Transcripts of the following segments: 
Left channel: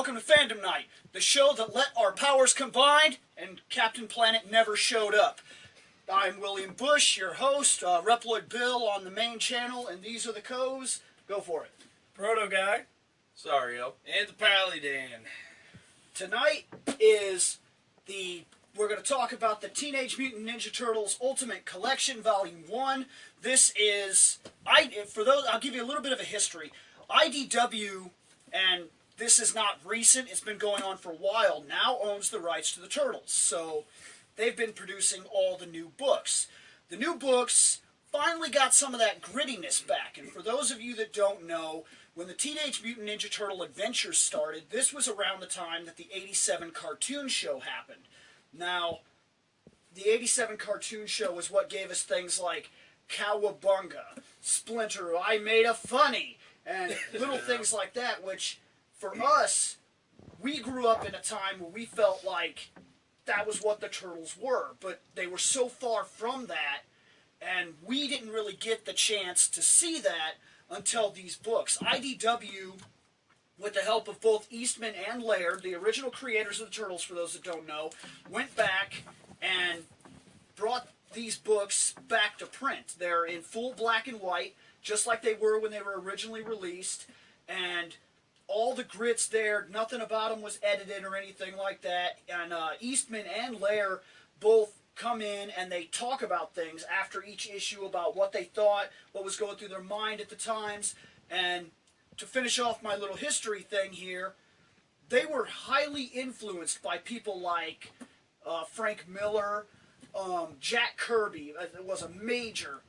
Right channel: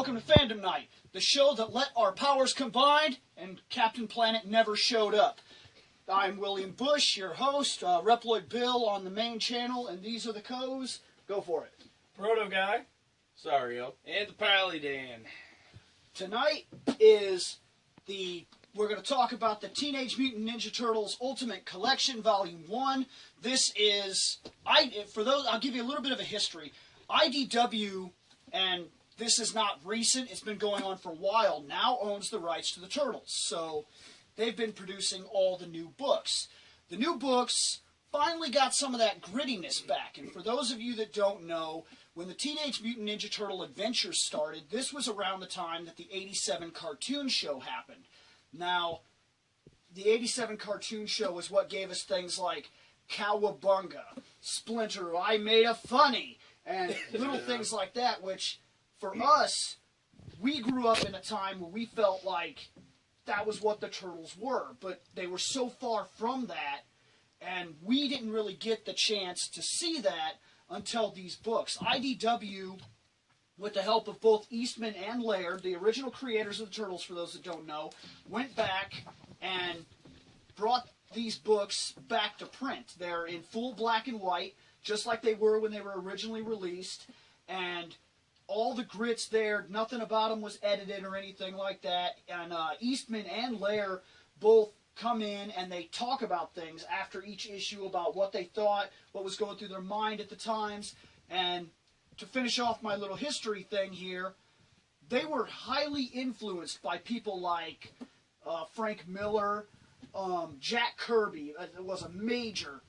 Welcome to Fandom Knight, the show that let our powers combine and Captain Planet never showed up. I'm William Bush, your host, Reploid Bill on the main channel, and these are the co's. Go for it. Proto Guy, Sario, and the Paladin. Tonight we're going to talk about the Teenage Mutant Ninja Turtles Ultimate Collection, Volume 1. This is, I'll give you a little bit of a history. IDW, and this is not recent, it's been going on for a while, now owns the rights to the Turtles. So they've been producing all the new books. The new books finally got some of that grittiness back. And for those of you that don't know, when the Teenage Mutant Ninja Turtle adventures started, this was around the time that the '87 cartoon show happened. Now, the '87 cartoon show was what gave us things like Cowabunga, Splinter, I Made a Funny, and little things like that, which, for us, we grew up in a time where we felt like that was what the Turtles were, but they were so far from that, and we didn't really get the chance to see that until these books. IDW, with the help of both Eastman and Laird, the original creators of the Turtles, for those that don't know, went back and brought these books back to print. They're in full black and white, just like they were when they were originally released, and all the grits there, nothing about them was edited or anything like that. And Eastman and Laird both come in and they talk about things after each issue about what they thought, what was going through their mind at the times. And to finish off my little history thing here, they were highly influenced by people like Frank Miller, Jack Kirby. It was a major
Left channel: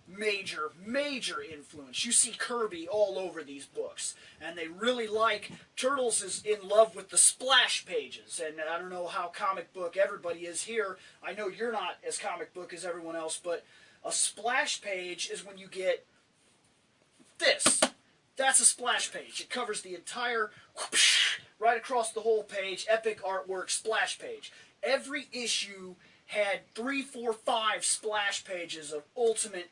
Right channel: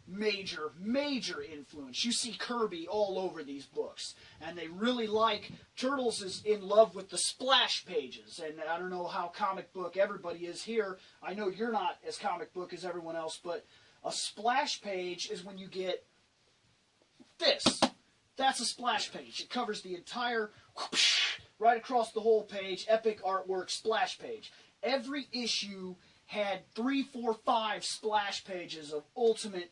influence. You see Kirby all over these books, and they really like, Turtles is in love with the splash pages, and I don't know how comic book everybody is here. I know you're not as comic book as everyone else, but a splash page is when you get this. That's a splash page. It covers the entire, whoosh, right across the whole page, epic artwork splash page. Every issue had 3, 4, 5 splash pages of ultimate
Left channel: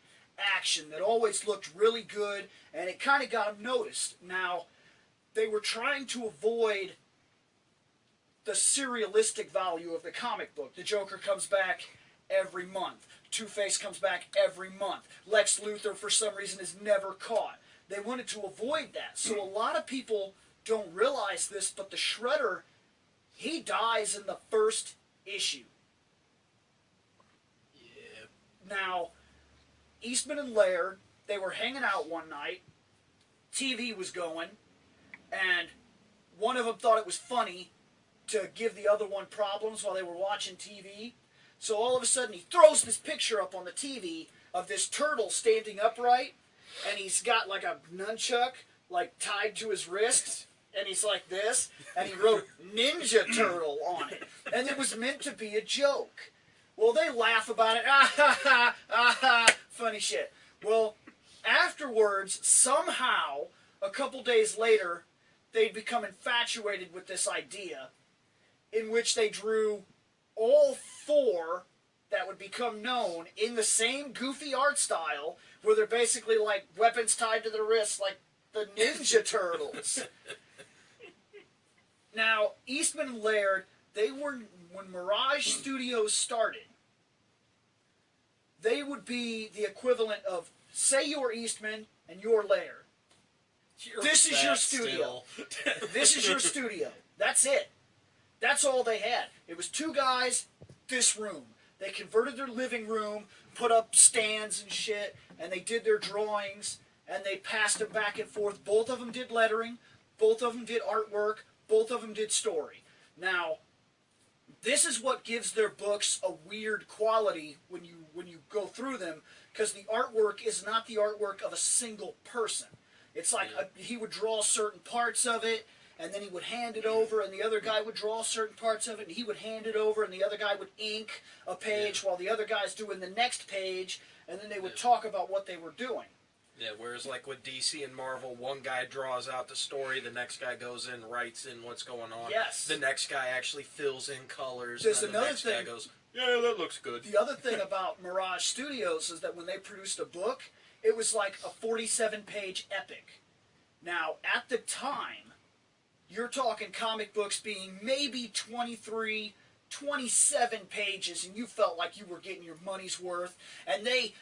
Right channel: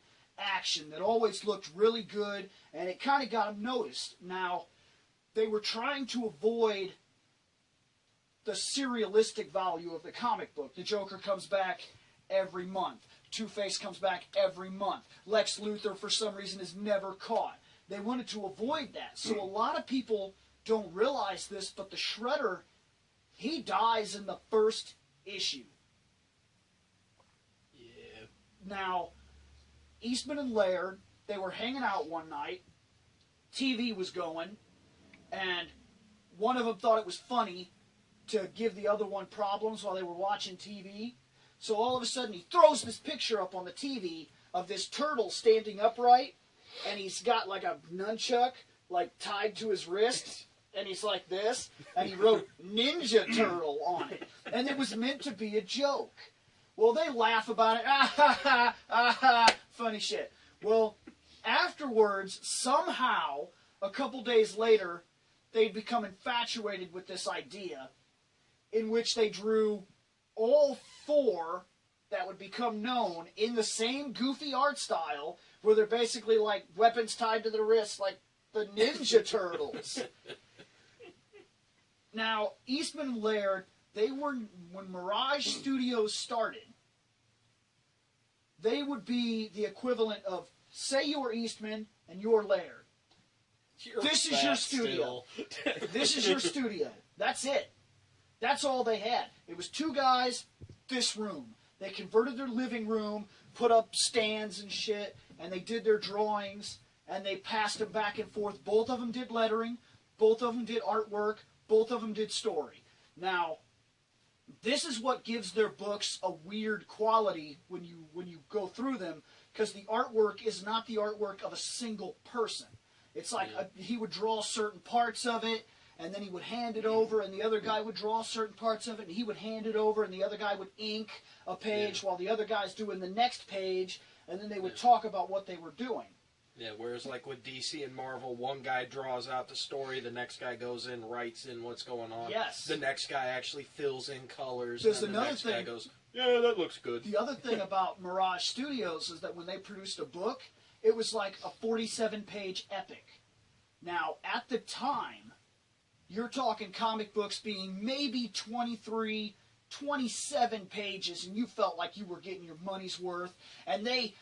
action that always looked really good, and it kind of got them noticed. Now, they were trying to avoid the serialistic value of the comic book. The Joker comes back every month. Two-Face comes back every month. Lex Luthor, for some reason, is never caught. They wanted to avoid that. So a lot of people don't realize this, but the Shredder, he dies in the first issue. Now, Eastman and Laird, they were hanging out one night, TV was going, and one of them thought it was funny to give the other one problems while they were watching TV. So all of a sudden he throws this picture up on the TV of this turtle standing upright, and he's got like a nunchuck like tied to his wrist, and he's like this, and he wrote Ninja Turtle on it, and it was meant to be a joke. Well, they laugh about it. Ah, ha, ha, ah, ha. Funny shit. Well, afterwards, somehow, a couple days later, they'd become infatuated with this idea in which they drew all 4 that would become known in the same goofy art style, where they're basically like weapons tied to their wrists, like the Ninja Turtles. Now, Eastman and Laird, they were, when Mirage Studios started, they would be the equivalent of, say you're Eastman and you're Laird. This is your studio. This is your studio. That's it. That's all they had. It was 2 guys, this room. They converted their living room, put up stands and shit, and they did their drawings, and they passed them back and forth. Both of them did lettering. Both of them did artwork. Both of them did story. Now, this is what gives their books a weird quality when you go through them, because the artwork is not the artwork of a single person. It's like he would draw certain parts of it, and then he would hand it over, and the other guy would draw certain parts of it, and he would hand it over, and the other guy would ink a page while the other guy's doing the next page, and then they would talk about what they were doing. Yeah, whereas like with DC and Marvel, one guy draws out the story, the next guy goes in, writes in what's going on. Yes. The next guy actually fills in colors, There's and the another next thing. guy goes, yeah, that looks good. The other thing about Mirage Studios is that when they produced a book, it was like a 47-page epic. Now, at the time, you're talking comic books being maybe 23, 27 pages, and you felt like you were getting your money's worth. And they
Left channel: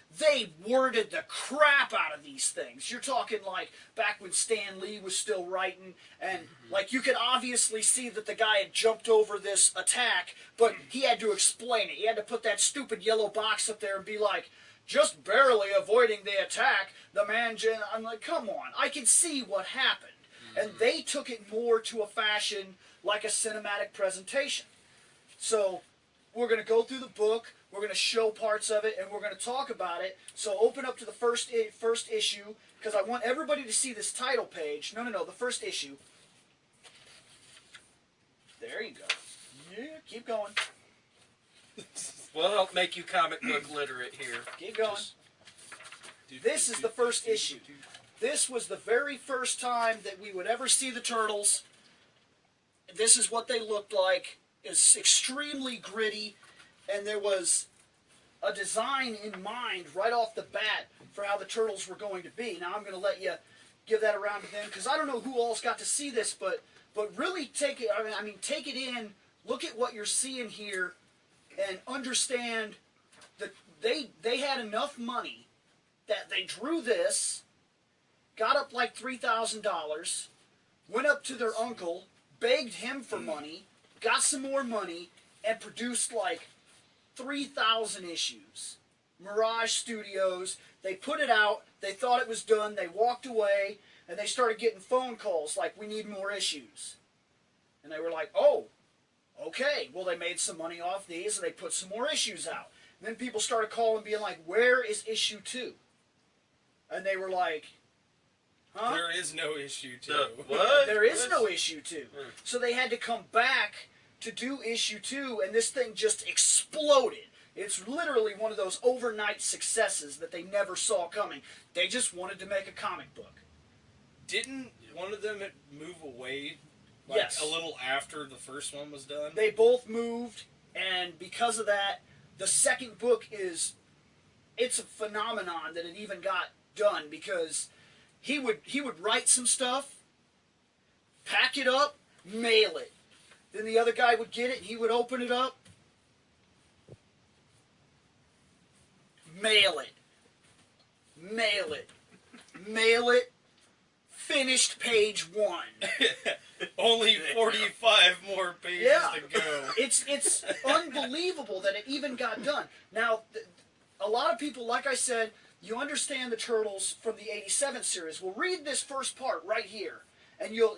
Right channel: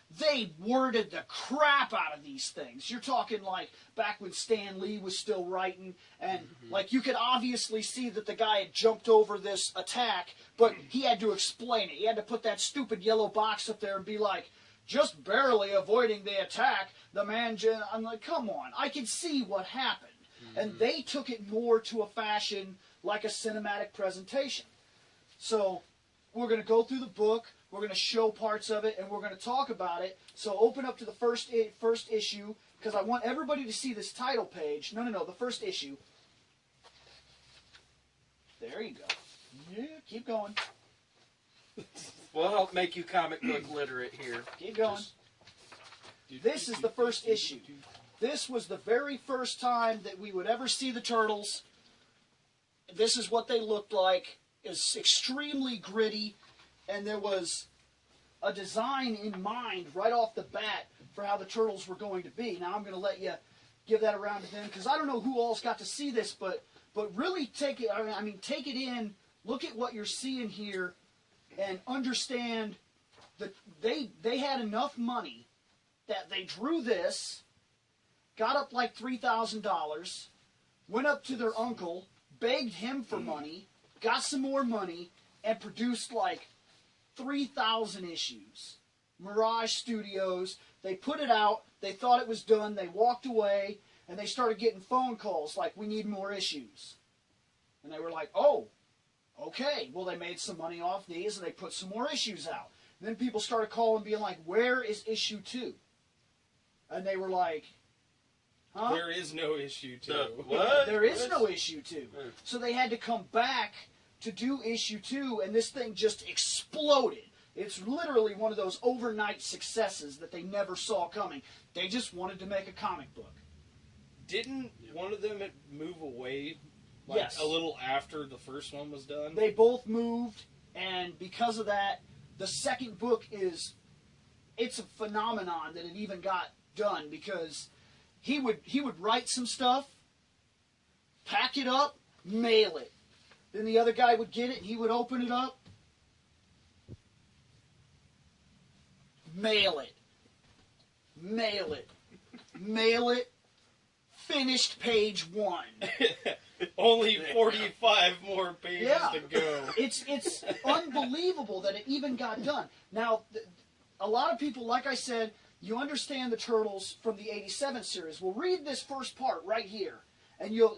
worded the crap out of these things. You're talking like back when Stan Lee was still writing, and like you could obviously see that the guy had jumped over this attack, but he had to explain it. He had to put that stupid yellow box up there and be like, just barely avoiding the attack, the man... I'm like, come on, I can see what happened. And they took it more to a fashion like a cinematic presentation. So we're going to go through the book, we're going to show parts of it, and we're going to talk about it. So open up to the first issue, because I want everybody to see this title page. No, the first issue. There you go. Yeah, keep going. Well, I'll make you comic book literate here. Keep going. This is the first issue. This was the very first time that we would ever see the Turtles. This is what they looked like. It's extremely gritty, and there was a design in mind right off the bat for how the Turtles were going to be. Now I'm going to let you give that around to them, because I don't know who all's got to see this, but really take it. I mean, take it in. Look at what you're seeing here, and understand that they had enough money that they drew this, got up like $3,000, went up to their uncle, begged him for money, got some more money, and produced like 3,000 issues. Mirage Studios, they put it out, they thought it was done, they walked away, and they started getting phone calls like, we need more issues. And they were like, oh, okay. Well, they made some money off these, and they put some more issues out. And then people started calling, being like, where is issue 2? And they were like, huh? There is no issue 2. What? There is no issue 2. So they had to come back to do issue 2, and this thing just exploded. It's literally one of those overnight successes that they never saw coming. They just wanted to make a comic book. Didn't one of them move away like Yes. a little after the first one was done? They both moved, and because of that, the second book it's a phenomenon that it even got done, because he would write some stuff, pack it up, mail it. Then the other guy would get it, he would open it up, mail it, mail it, mail it, finished page 1. Only 45 more pages to go. It's unbelievable that it even got done. Now, a lot of people, like I said, you understand the Turtles from the 87 series. Well, read this first part right here, and you'll...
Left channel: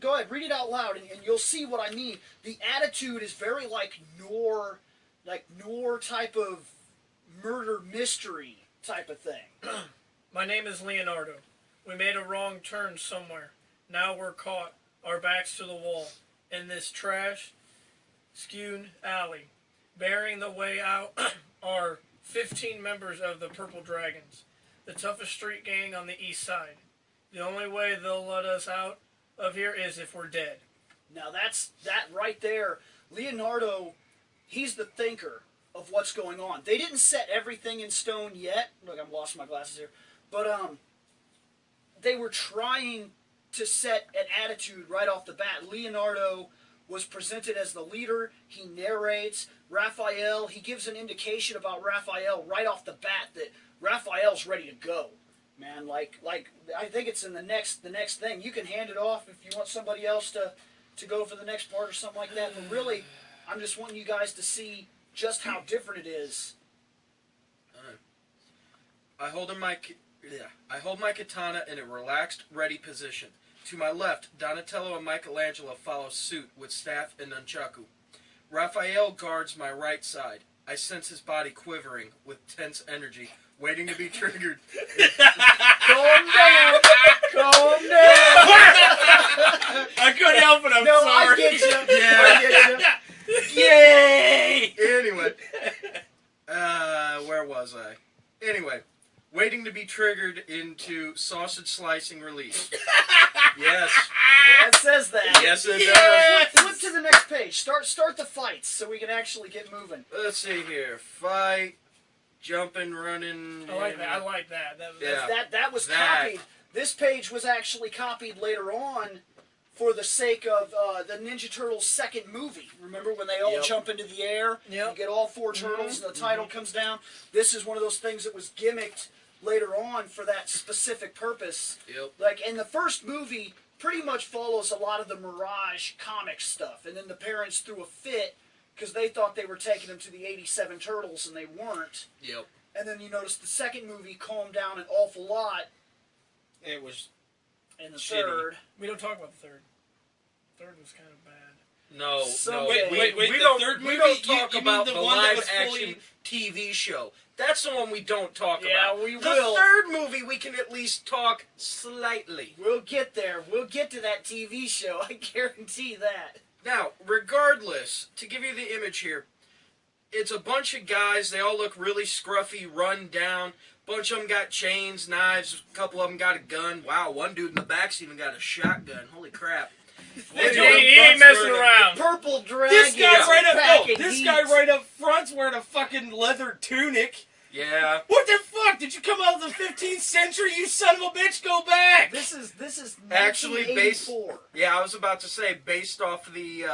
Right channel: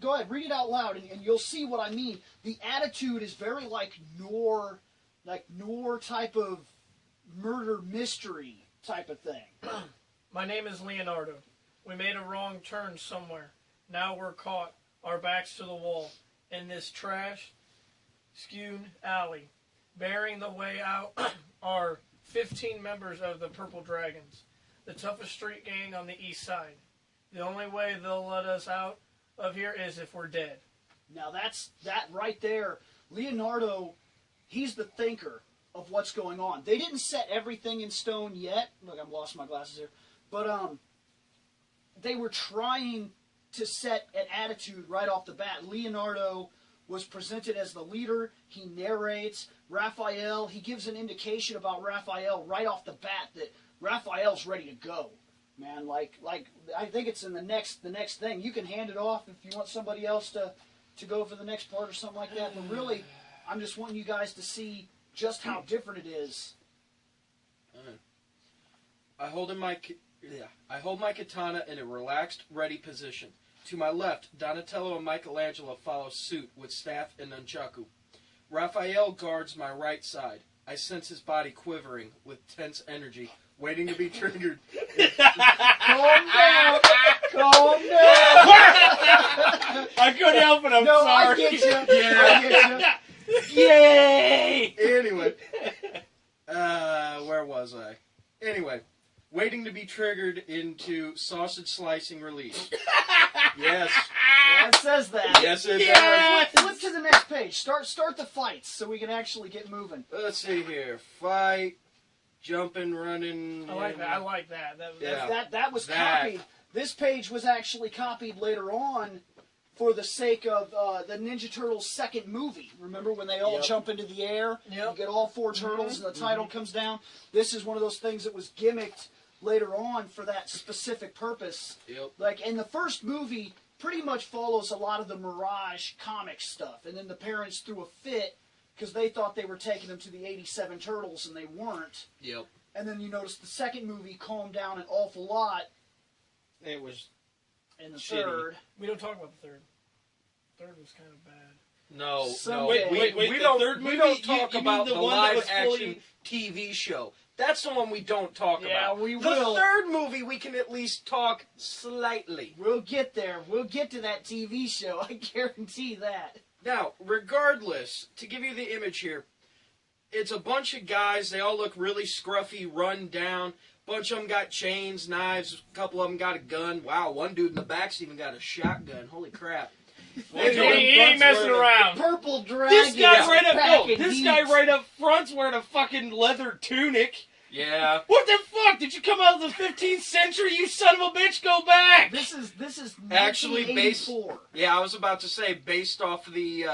Go ahead, read it out loud, and you'll see what I mean. The attitude is very like noir type of murder mystery type of thing. My name is Leonardo. We made a wrong turn somewhere. Now we're caught, our backs to the wall, in this trash-skewed alley. Bearing the way out are 15 members of the Purple Dragons, the toughest street gang on the east side. The only way they'll let us out of here is if we're dead. Now that right there, Leonardo, he's the thinker of what's going on. They didn't set everything in stone yet. Look, I'm lost my glasses here. But they were trying to set an attitude right off the bat. Leonardo was presented as the leader. He narrates. Raphael, he gives an indication about Raphael right off the bat that Raphael's ready to go. Man, like I think it's in the next thing. You can hand it off if you want somebody else to go for the next part or something like that. But really, I'm just wanting you guys to see just how different it is. I hold my katana in a relaxed, ready position. To my left, Donatello and Michelangelo follow suit with staff and nunchaku. Raphael guards my right side. I sense his body quivering with tense energy, waiting to be triggered. Calm down! Calm down! I couldn't help it, I'm No, sorry. I get you. Yeah. I get you. Yay! Anyway, where was I? Anyway, waiting to be triggered into sausage slicing release. Yes. Yeah, it says that. Yes, it Yeah. does. Flip to the next page. Start the fights so we can actually get moving. Let's see here. Fight, jumping, running. I like that. I like that. Yeah. That was That. copied. This page was actually copied later on for the sake of the Ninja Turtles' second movie. Remember when they all Yep. jump into the air? Yep. You get all four turtles and the title comes down. This is one of those things that was gimmicked later on for that specific purpose. Yep. Like, in the first movie, pretty much follows a lot of the Mirage comic stuff. And then the parents threw a fit because they thought they were taking them to the 87 Turtles and they weren't. Yep. And then you notice the second movie calmed down an awful lot. It was In the shitty. third. We don't talk about the third. The third was kind of bad. No, Some- no. Wait, we the don't, third we movie? don't talk You mean about the the one that live was action fully- TV show. That's the one we don't talk Yeah, about. we the will. third movie we can at least talk slightly. We'll get there. We'll get to that TV show. I guarantee that. Now, regardless, to give you the image here, it's a bunch of guys. They all look really scruffy, run down. Bunch of them got chains, knives. A couple of them got a gun. Wow, one dude in the back's even got a shotgun. Holy crap. One He dude in ain't front's messing wearing around. Purple Dragon. This guy right up, packing this heat. guy right up front's wearing a fucking leather tunic. Yeah. What the fuck? Did you come out of the 15th century? You son of a bitch, go back! This is Actually, based. 1984. Yeah, I was about to say, based off the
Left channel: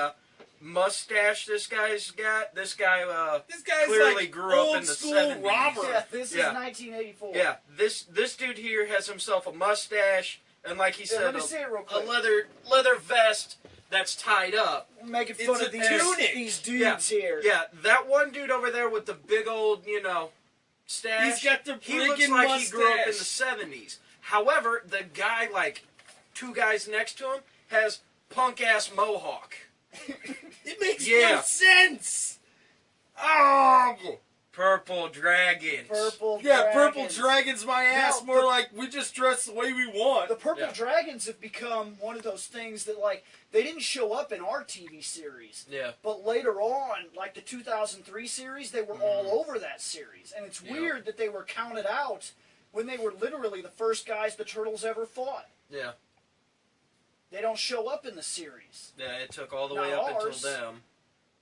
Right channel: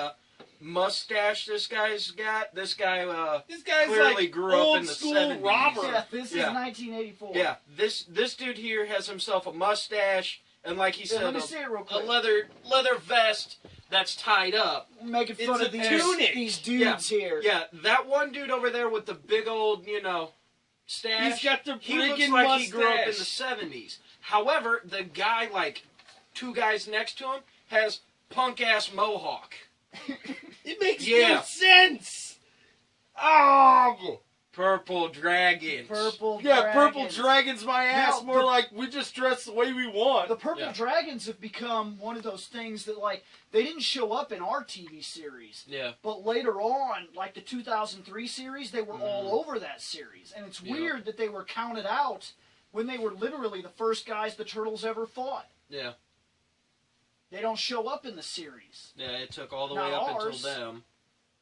mustache this guy's got. This guy This guy's clearly like grew up old in the school 70s. robber. Yeah, this Yeah. is 1984. Yeah, this dude here has himself a mustache and, like he Yeah, said, let me see it real a quick. leather vest that's tied up. I'm making fun It's of a these tunic. these dudes here. Yeah, that one dude over there with the big old, stash. He's got the He looks freaking like he grew up in the mustache. 70s. However, the guy, like, two guys next to him, has punk-ass mohawk. It makes Yeah. no sense. Oh, Purple Dragons. Purple yeah, Purple Dragons. Dragons, my ass. Now, More the- like we just dress the way we want. The Purple Yeah. Dragons have become one of those things that, like, they didn't show up in our TV series. Yeah. But later on, like the 2003 series, they were all Mm-hmm. over that series. And it's Yeah. weird that they were counted out when they were literally the first guys the Turtles ever fought. Yeah. They don't show up in the series. Yeah, it took all the Not way up ours. until them.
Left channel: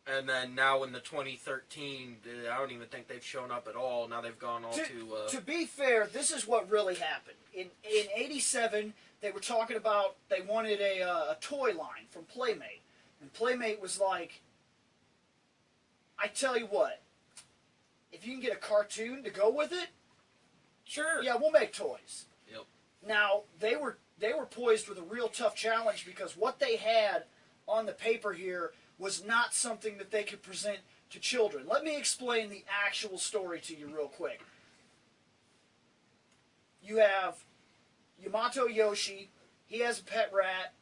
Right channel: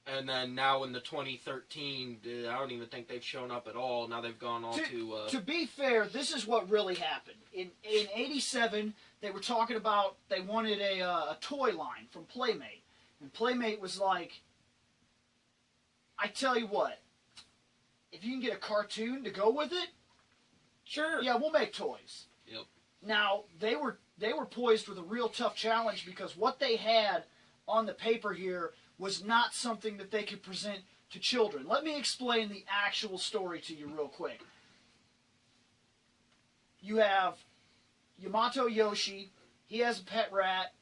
And then now in the 2013, I don't even think they've shown up at all. Now they've gone all To be fair, this is what really happened. In 87, they were talking about they wanted a toy line from Playmate. And Playmate was like, I tell you what, if you can get a cartoon to go with it, Sure. yeah, we'll make toys. Yep. Now, they were poised with a real tough challenge because what they had on the paper here was not something that they could present to children. Let me explain the actual story to you real quick. You have Yamato Yoshi. He has a pet rat.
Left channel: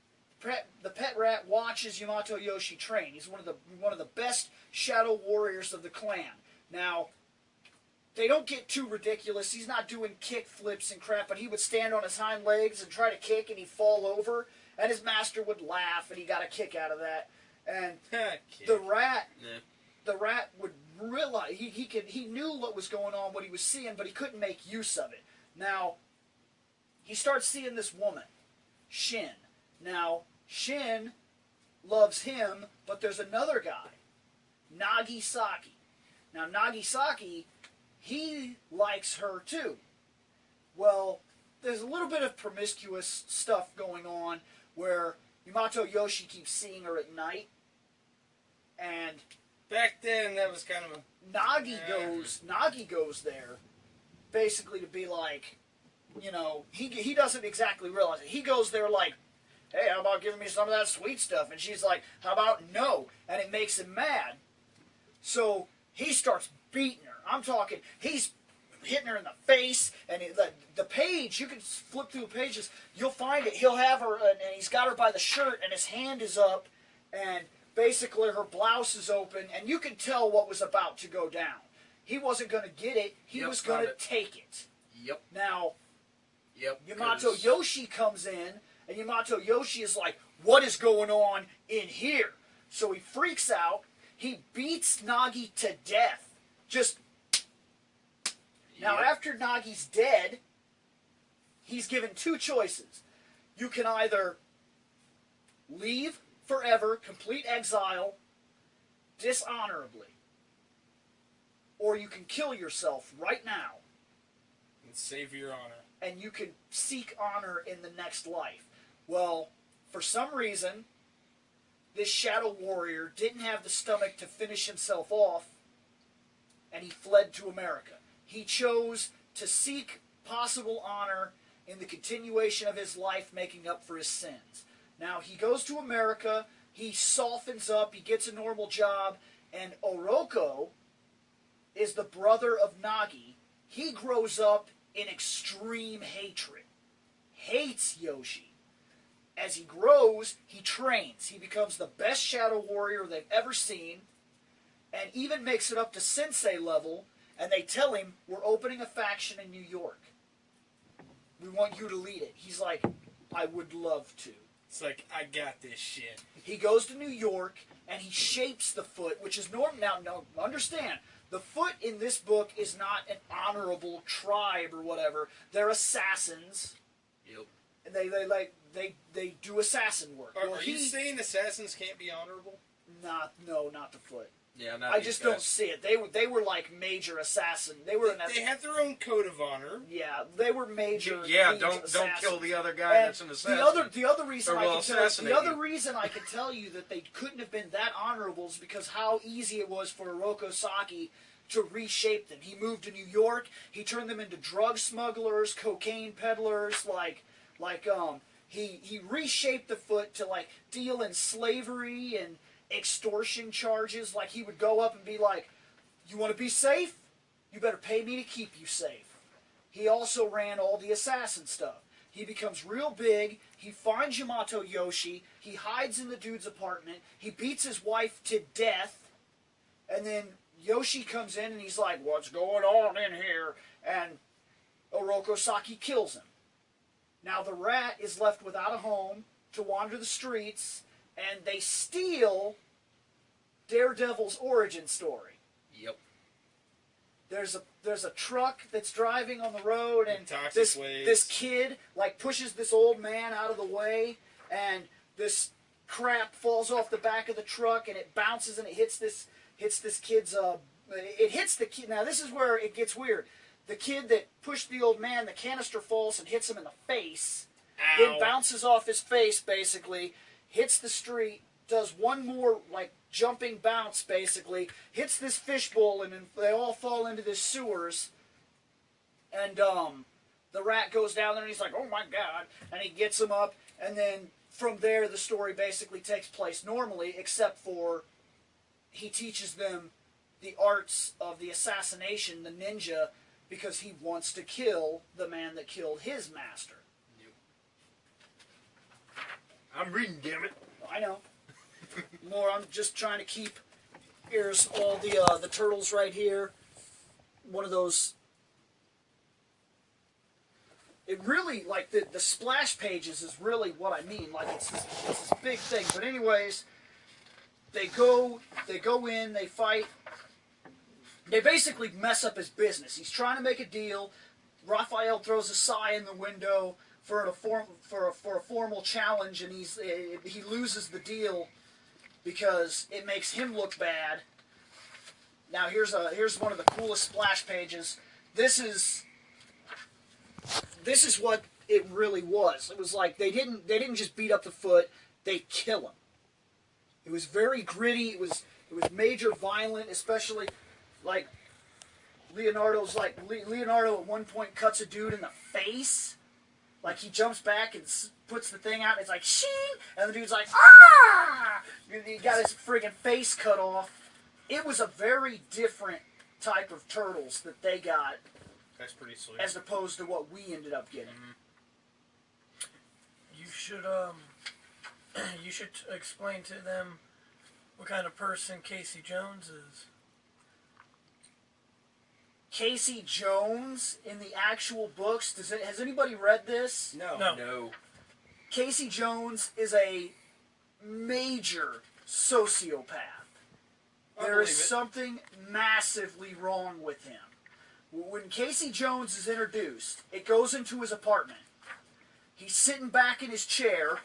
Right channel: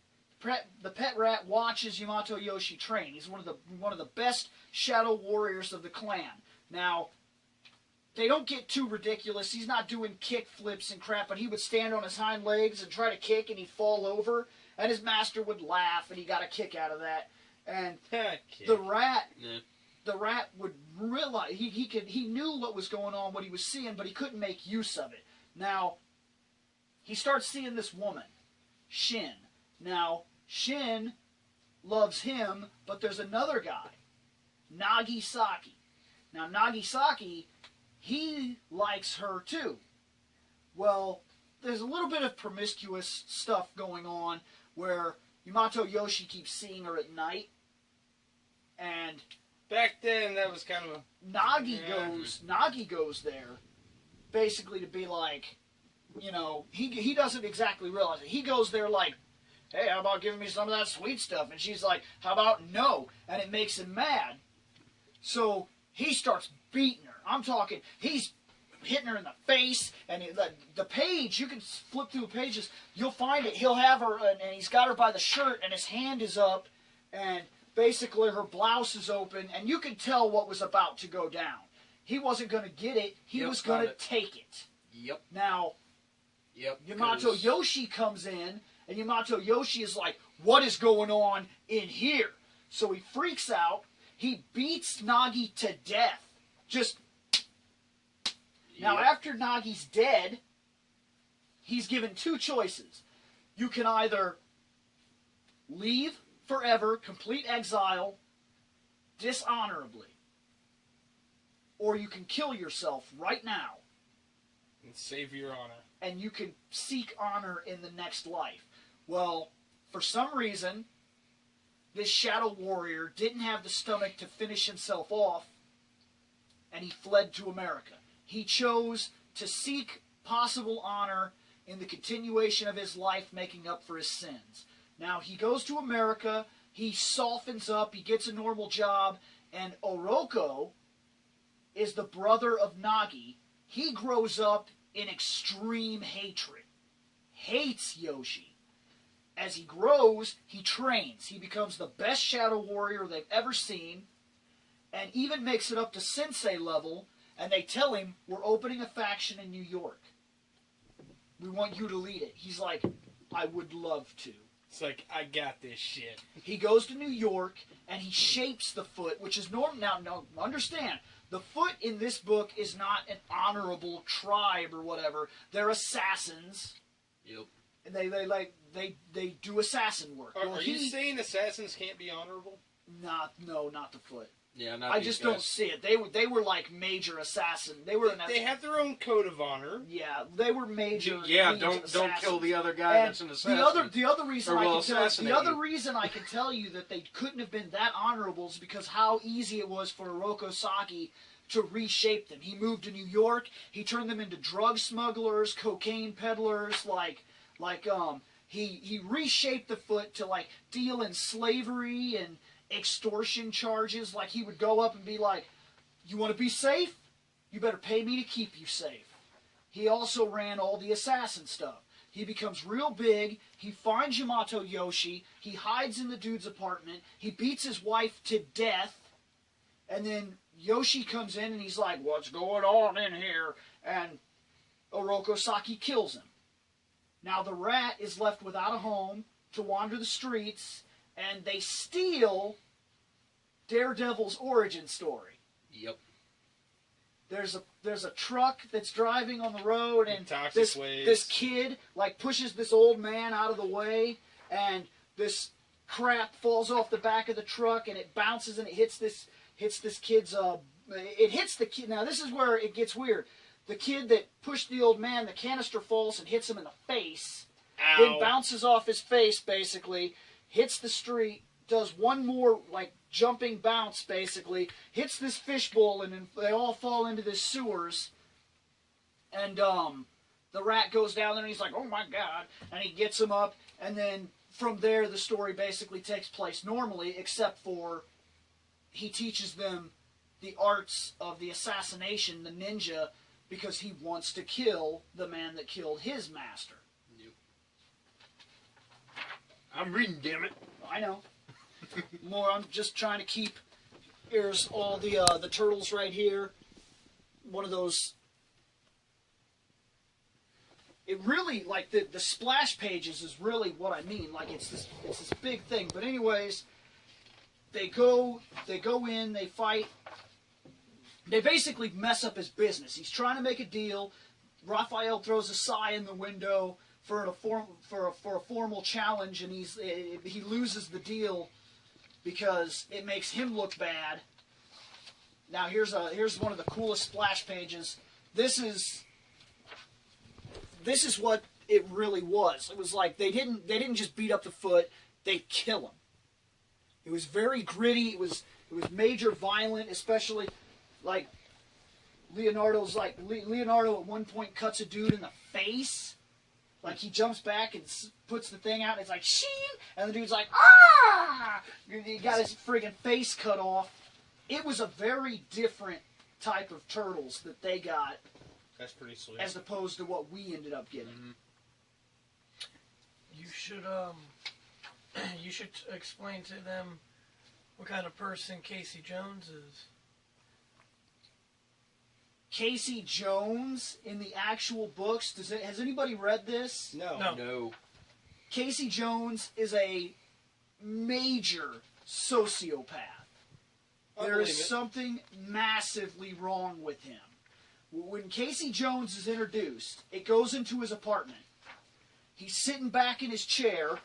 The pet rat watches Yamato Yoshi train. He's one of the best shadow warriors of the clan. Now, they don't get too ridiculous. He's not doing kick flips and crap, but he would stand on his hind legs and try to kick, and he'd fall over, and his master would laugh, and he got a kick out of that. And the rat would realize he knew what was going on, what he was seeing, but he couldn't make use of it. Now, he starts seeing this woman, Shin. Now, Shin loves him, but there's another guy, Nagisaki. Now, Nagisaki, he likes her too. Well, there's a little bit of promiscuous stuff going on where Yamato Yoshi keeps seeing her at night, and Back then, that was kind of a... Nagi goes there basically to be like, he doesn't exactly realize it. He goes there like, hey, how about giving me some of that sweet stuff? And she's like, how about no? And it makes him mad. So he starts beating her. I'm talking, he's hitting her in the face, and the page, you can flip through the pages, you'll find it. He'll have her, and he's got her by the shirt, and his hand is up, and basically her blouse is open, and you can tell what was about to go down. He wasn't going to get it. He was going to take it. Yep. Now, Yamato Yoshi comes in, and Yamato Yoshi is like, what is going on in here? So he freaks out. He beats Nagi to death. Now, after Nagi's dead, he's given two choices. You can either leave forever, complete exile, dishonorably, or you can kill yourself right now, Save your honor. and you can seek honor in the next life. Well, For some reason, this Shadow Warrior didn't have the stomach to finish himself off, and he fled to America. He chose to seek possible honor in the continuation of his life, making up for his sins. Now, he goes to America, he softens up, he gets a normal job, and Oroko is the brother of Nagi. He grows up in extreme hatred. Hates Yoshi. As he grows, he trains. He becomes the best Shadow Warrior they've ever seen, and even makes it up to Sensei level, and they tell him, we're opening a faction in New York. We want you to lead it. He's like, I would love to. It's like, I got this shit. He goes to New York, and he shapes the Foot, which is normal. Now, no, understand, the Foot in this book is not an honorable tribe or whatever. They're assassins. Yep. And they do assassin work. Are you saying assassins can't be honorable? Not the Foot. Yeah, not I these just guys. don't see it. They were like major assassin. They were. They have their own code of honor. Yeah, they were major. Yeah, major don't assassins. kill the other guy And that's an assassin. the other reason Or I will can tell assassinate the other you. reason I can tell you that they couldn't have been that honorable is because how easy it was for Oroko Saki to reshape them. He moved to New York. He turned them into drug smugglers, cocaine peddlers, he reshaped the Foot to like deal in slavery and extortion charges. Like he would go up and be like, you want to be safe? You better pay me to keep you safe. He also ran all the assassin stuff. He becomes real big. He finds Yamato Yoshi. He hides in the dude's apartment. He beats his wife to death. And then Yoshi comes in and he's like, what's going on in here? And Oroko Saki kills him. Now the rat is left without a home to wander the streets, and they steal Daredevil's origin story. Yep. There's a truck that's driving on the road, and Toxic this kid like pushes this old man out of the way, and this crap falls off the back of the truck, and it bounces and it hits this kid's it hits the kid. Now this is where it gets weird. The kid that pushed the old man, the canister falls and hits him in the face. Ow. Then bounces off his face, basically, hits the street, does one more, like, jumping bounce, basically, hits this fishbowl, and they all fall into the sewers. And, the rat goes down there, and he's like, oh my god, and he gets him up, and then from there, the story basically takes place normally, except for he teaches them the arts of the assassination, the ninja, because he wants to kill the man that killed his master. I'm reading, damn it. I know. I'm just trying to keep. Here's all the turtles right here. One of those. It really, like, the splash pages is really what I mean. Like, it's this big thing. But anyways, they go in, they fight. They basically mess up his business. He's trying to make a deal. Raphael throws a sigh in the window for a formal challenge, and he loses the deal because it makes him look bad. Now here's one of the coolest splash pages. This is what it really was. It was like they didn't just beat up the Foot; they kill him. It was very gritty. It was major violent, especially. Like, Leonardo at one point cuts a dude in the face. Like, he jumps back and puts the thing out, and it's like, sheen! And the dude's like, ah! And he got his friggin' face cut off. It was a very different type of turtles that they got. That's pretty sweet. As opposed to what we ended up getting. You should explain to them what kind of person Casey Jones is. Casey Jones in the actual books. Has anybody read this? No. Casey Jones is a major sociopath. There is something massively wrong with him. When Casey Jones is introduced, it goes into his apartment. He's sitting back in his chair.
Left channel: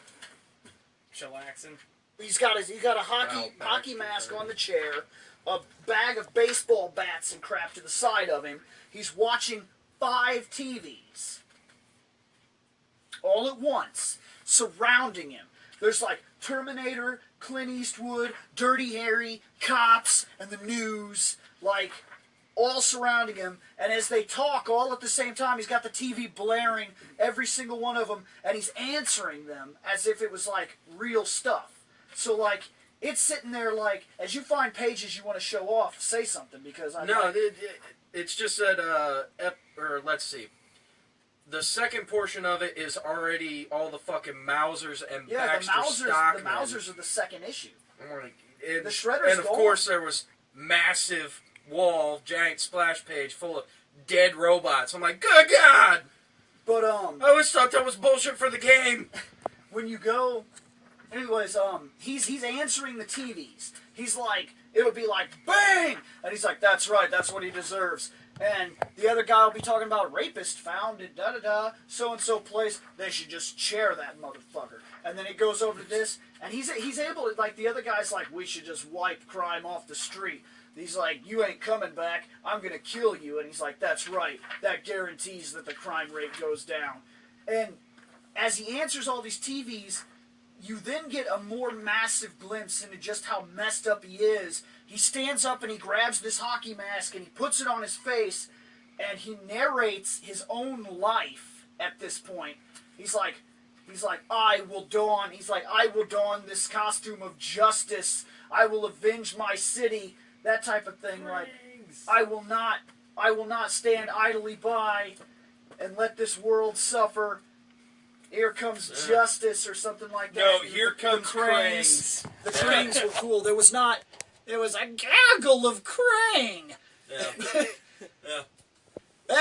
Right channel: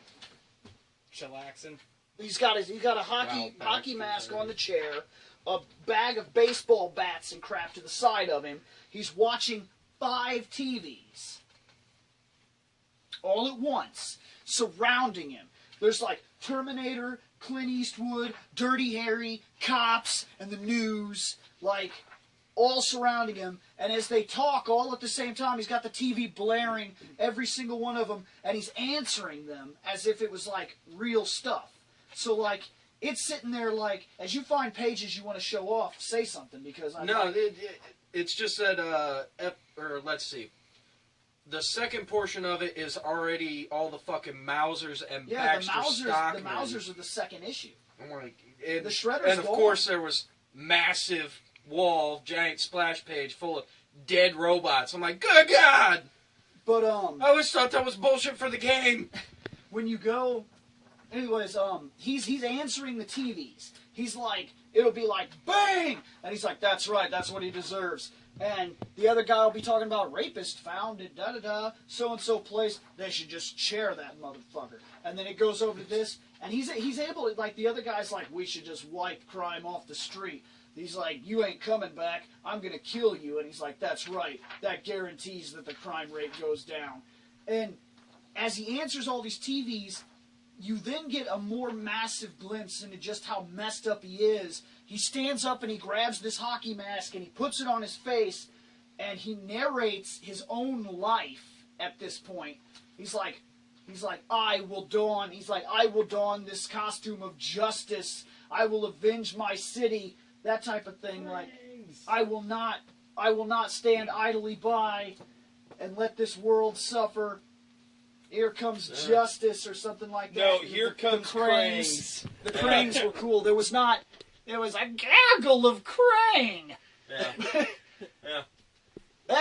Chillaxing. He's got a hockey mask on the chair, a bag of baseball bats and crap to the side of him. He's watching 5 TVs all at once, surrounding him. There's like Terminator, Clint Eastwood, Dirty Harry, cops, and the news, like, all surrounding him. And as they talk all at the same time, he's got the TV blaring, every single one of them, and he's answering them as if it was like real stuff. So like, it's sitting there like, as you find pages you want to show off, say something, because I No, it's just that, let's see. The second portion of it is already all the fucking Mausers and Baxter Stockman. The Mausers are the second issue. And, The Shredder's and of gone. course there was massive wall, giant splash page full of dead robots. I'm like, good God! But I always thought that was bullshit for the game. when you go, anyways, he's answering the TVs. He's like, it'll be like, bang! And he's like, that's right, that's what he deserves. And the other guy will be talking about rapist found at da-da-da, so-and-so place. They should just chair that motherfucker. And then it goes over to this, and he's able to, like, the other guy's like, we should just wipe crime off the street. He's like, you ain't coming back, I'm gonna kill you. And he's like, that's right, that guarantees that the crime rate goes down. And as he answers all these TVs, you then get a more massive glimpse into just how messed up he is. He stands up and he grabs this hockey mask and he puts it on his face, and he narrates his own life at this point. He's like, I will don this costume of justice. I will avenge my city. That type of thing. Like, I will not stand idly by and let this world suffer. Here comes justice, or something like that. No, here comes Cranes. The Cranes were cool. There was a gaggle of Krang. Yeah.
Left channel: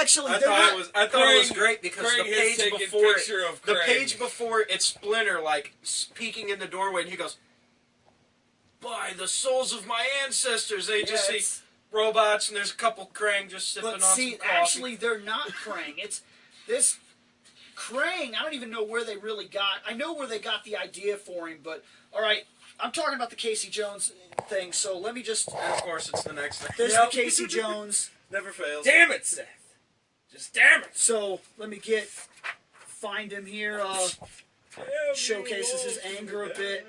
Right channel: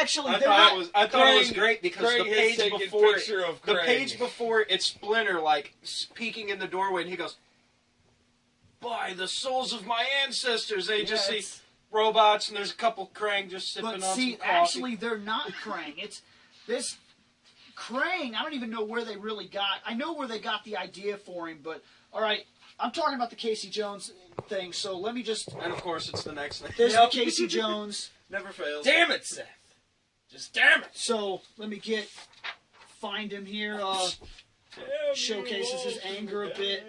Actually, I thought it was great because Craig the has page taken before picture of the Craig. page before it's Splinter like peeking in the doorway, and he goes, "By the souls of my ancestors!" They just see robots, and there's a couple Krang just sipping on some coffee. Actually, they're not Krang. It's this Krang. I don't even know where they really got. I know where they got the idea for him, but all right. I'm talking about the Casey Jones thing, so let me just. And of course, it's the next thing. There's the Casey Jones. Never fails. Damn it, Seth. Just damn it. So let me find him here. Showcases his anger a bit,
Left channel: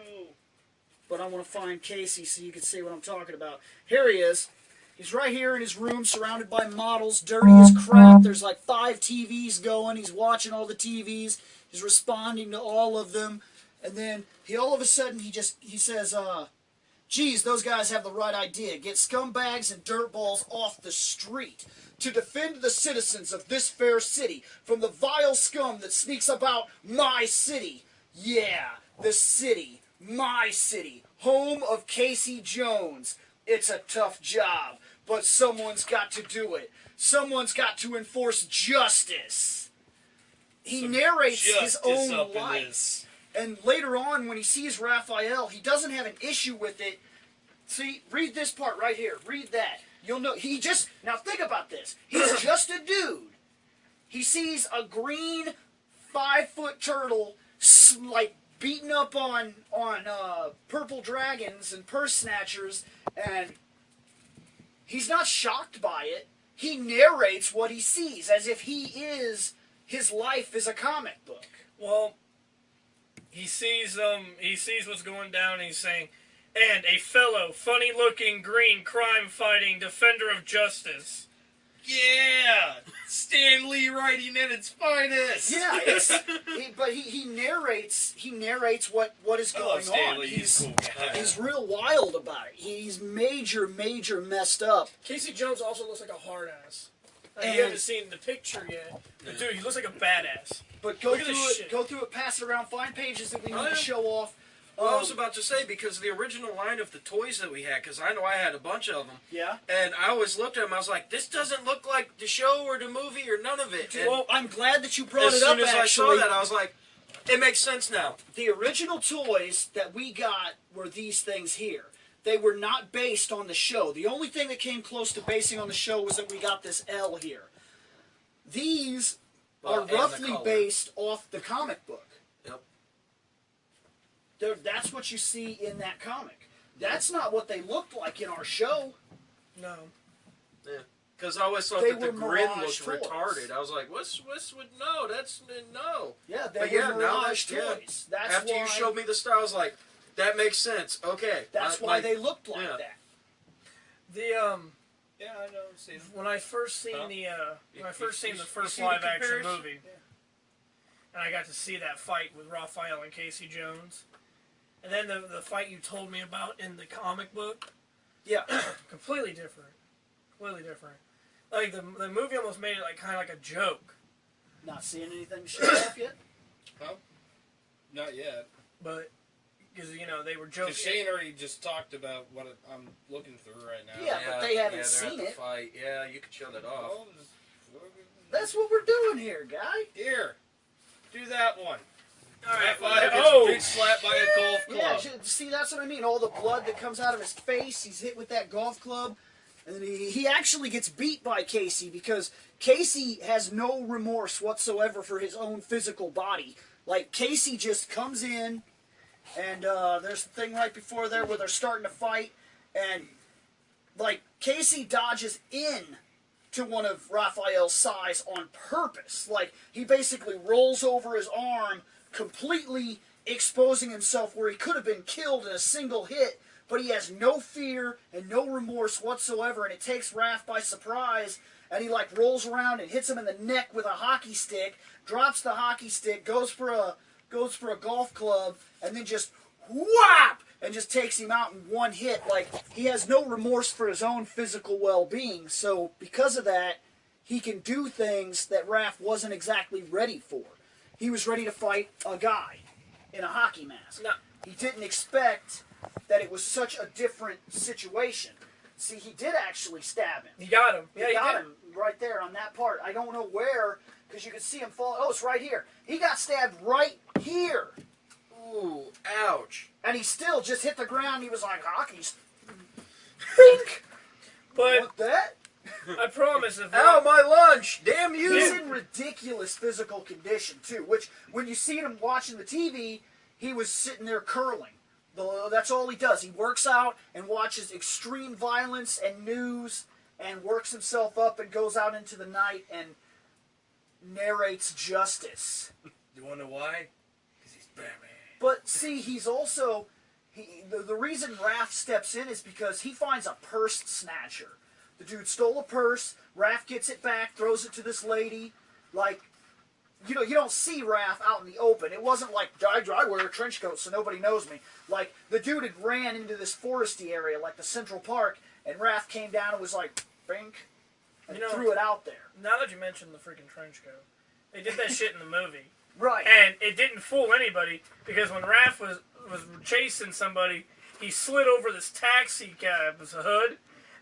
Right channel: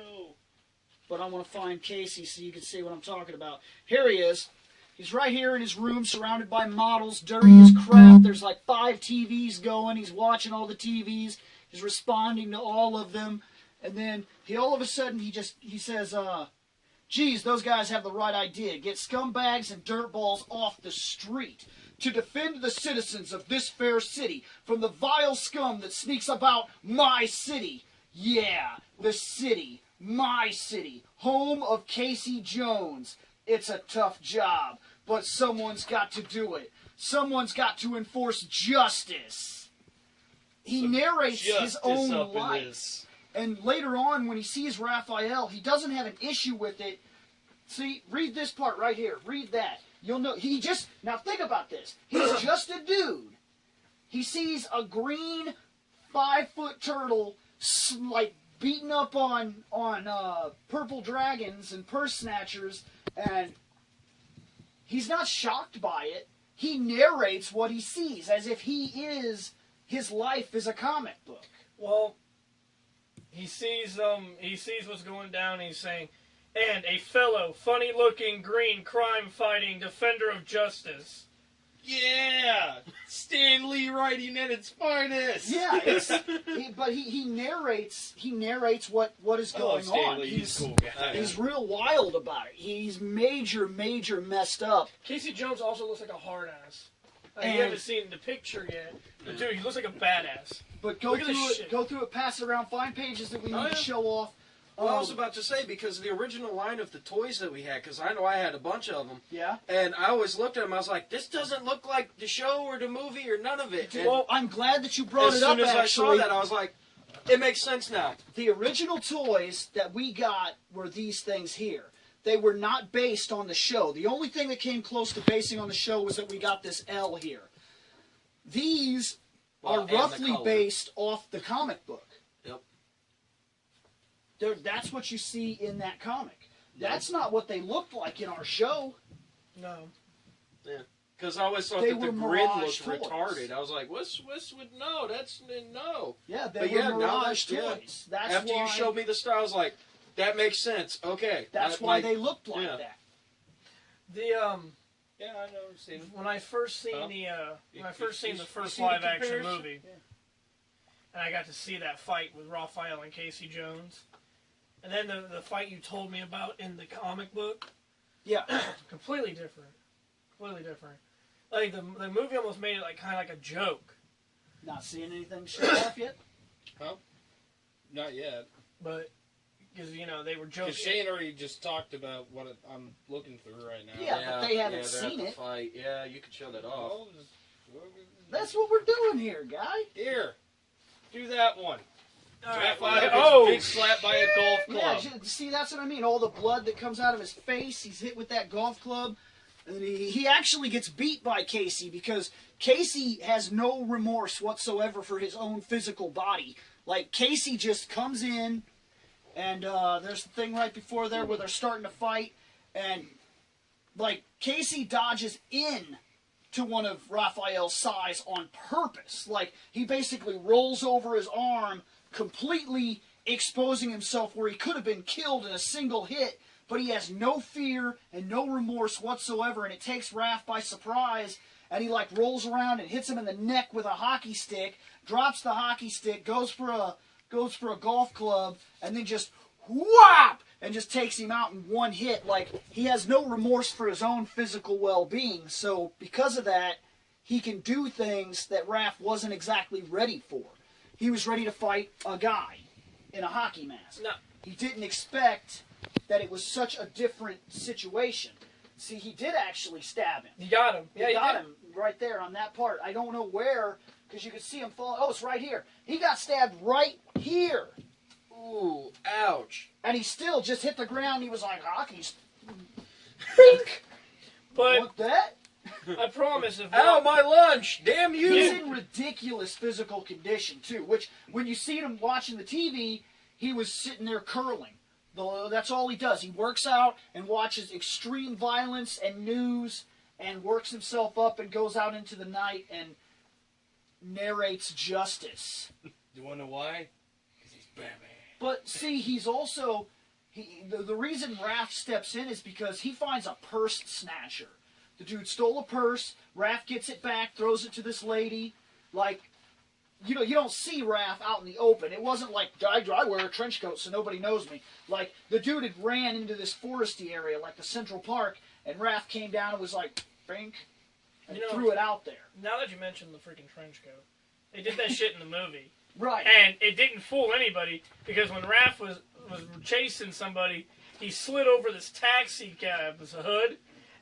but I want to find Casey so you can see what I'm talking about. Here he is. He's right here in his room, surrounded by models, dirty as crap. There's like 5 TVs going. He's watching all the TVs. He's responding to all of them, and then all of a sudden he says, geez, those guys have the right idea. Get scumbags and dirtballs off the street to defend the citizens of this fair city from the vile scum that sneaks about my city. Yeah, the city, my city, home of Casey Jones. It's a tough job, but someone's got to do it. Someone's got to enforce justice. He narrates his own life. And later on, when he sees Raphael, he doesn't have an issue with it. See, read this part right here. Read that. You'll know. Now think about this. He's just a dude. He sees a green 5-foot turtle, like, beating up on purple dragons and purse snatchers, and he's not shocked by it. He narrates what he sees as if his life is a comic book. Well, he sees what's going down, and he's saying, and a fellow, funny-looking, green, crime-fighting defender of justice. Yeah! Stan Lee writing at its finest! Yeah, but he narrates what is going on. Stan Lee, he's a cool guy. He's real wild about it. He's major messed up. Casey Jones also looks like a hard ass. And- You haven't seen the picture yet. But dude, he looks like a badass. But go Look at this through shit. it, pass it around, find pages that we need to show off. I was about to say, because the original line of the toys that we had, because I know I had a bunch of them, Yeah. and I always looked at them, I was like, this doesn't look like the show or the movie or none of it. And Well, I'm glad that you brought as it up. soon as I saw Actually, that, I was like, it makes sense now. the original toys that we got were these things here. They were not based on the show. The only thing that came close to basing on the show was that we got this L here. These are and the roughly color. based off the comic book. Yep. That's what you see in that comic. That's not what they looked like in our show. No. Because I always thought They that the were grin Mirage looked toys. retarded. I was like, what's with no? That's no. Yeah, they But were yeah, now Mirage yeah. toys. That's After why, you showed me the style, I was like, that makes sense. Okay. That's why they looked like yeah. that. The Yeah, I know. I've seen them. when I first seen Huh? when I first seen the first seen the live action comparison? movie, and I got to see that fight with Raphael and Casey Jones, and then the fight you told me about in the comic book, Yeah. completely different. Completely different. Like the movie almost made it like kind of like a joke, Not seeing anything show off yet? Not yet. but because they were Because joking. Shane already just talked about what I'm looking through right now. Yeah, but they haven't they're seen at the it. Fight. Yeah, you can show that off. Oh, just fucking- That's what we're doing here, guy. Here, do that one. All right. Raphael gets bitch slapped by a golf Yeah, club. see, that's what I mean. All the blood that comes out of his face, he's hit with that golf club. And he actually gets beat by Casey because Casey has no remorse whatsoever for his own physical body. Like, Casey just comes in, and there's the thing right before there where they're starting to fight, and, like, Casey dodges in to one of Raphael's size on purpose. Like, he basically rolls over his arm, completely exposing himself where he could have been killed in a single hit, but he has no fear and no remorse whatsoever, and it takes Raph by surprise, and he, like, rolls around and hits him in the neck with a hockey stick, drops the hockey stick, goes for a golf club, and then just whap, and just takes him out in one hit. Like, he has no remorse for his own physical well-being, so because of that, he can do things that Raph wasn't exactly ready for. He was ready to fight a guy in a hockey mask. No. He didn't expect that it was such a different situation. See, he did actually stab him. You got him. Yeah, He you got did. him right there on that part. I don't know where, because you can see him fall. Oh, it's right here. He got stabbed right here. Ooh, ouch. And he still just hit the ground. He was like, hockey's bink. But What that? I promise if Ow, my lunch! Damn you! He's in ridiculous physical condition, too, which, when you see him watching the TV, he was sitting there curling. That's all he does. He works out and watches extreme violence and news and works himself up and goes out into the night and narrates justice. You want to know why? Because he's Batman. But, see, he's also... The reason Raph steps in is because he finds a purse snatcher. The dude stole a purse, Raph gets it back, throws it to this lady. Like, you don't see Raph out in the open. It wasn't like, I wear a trench coat so nobody knows me. Like, the dude had ran into this foresty area, like the Central Park, and Raph came down and was like, bink, and threw it out there. now that you mentioned the freaking trench coat, they did that shit in the movie. Right. And it didn't fool anybody because when Raph was chasing somebody, he slid over this taxi cab's hood,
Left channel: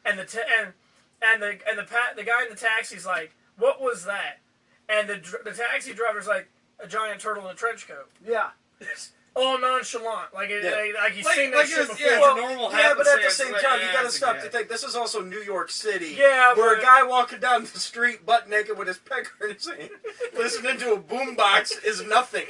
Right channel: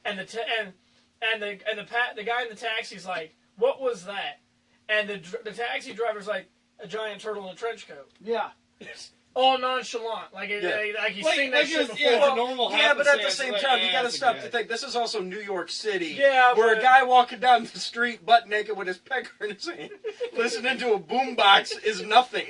and the guy in the taxi's like, "What was that?" And the taxi driver's like, "A giant turtle in a trench coat." Yeah. All nonchalant, like he's seen that shit before. yeah, it's a normal Yeah, but at the happenstance. same Like, time, you gotta that's stop okay. to think. This is also New York City, Yeah, where a but- guy walking down the street butt naked with his pecker in his hand, listening to a boombox is nothing.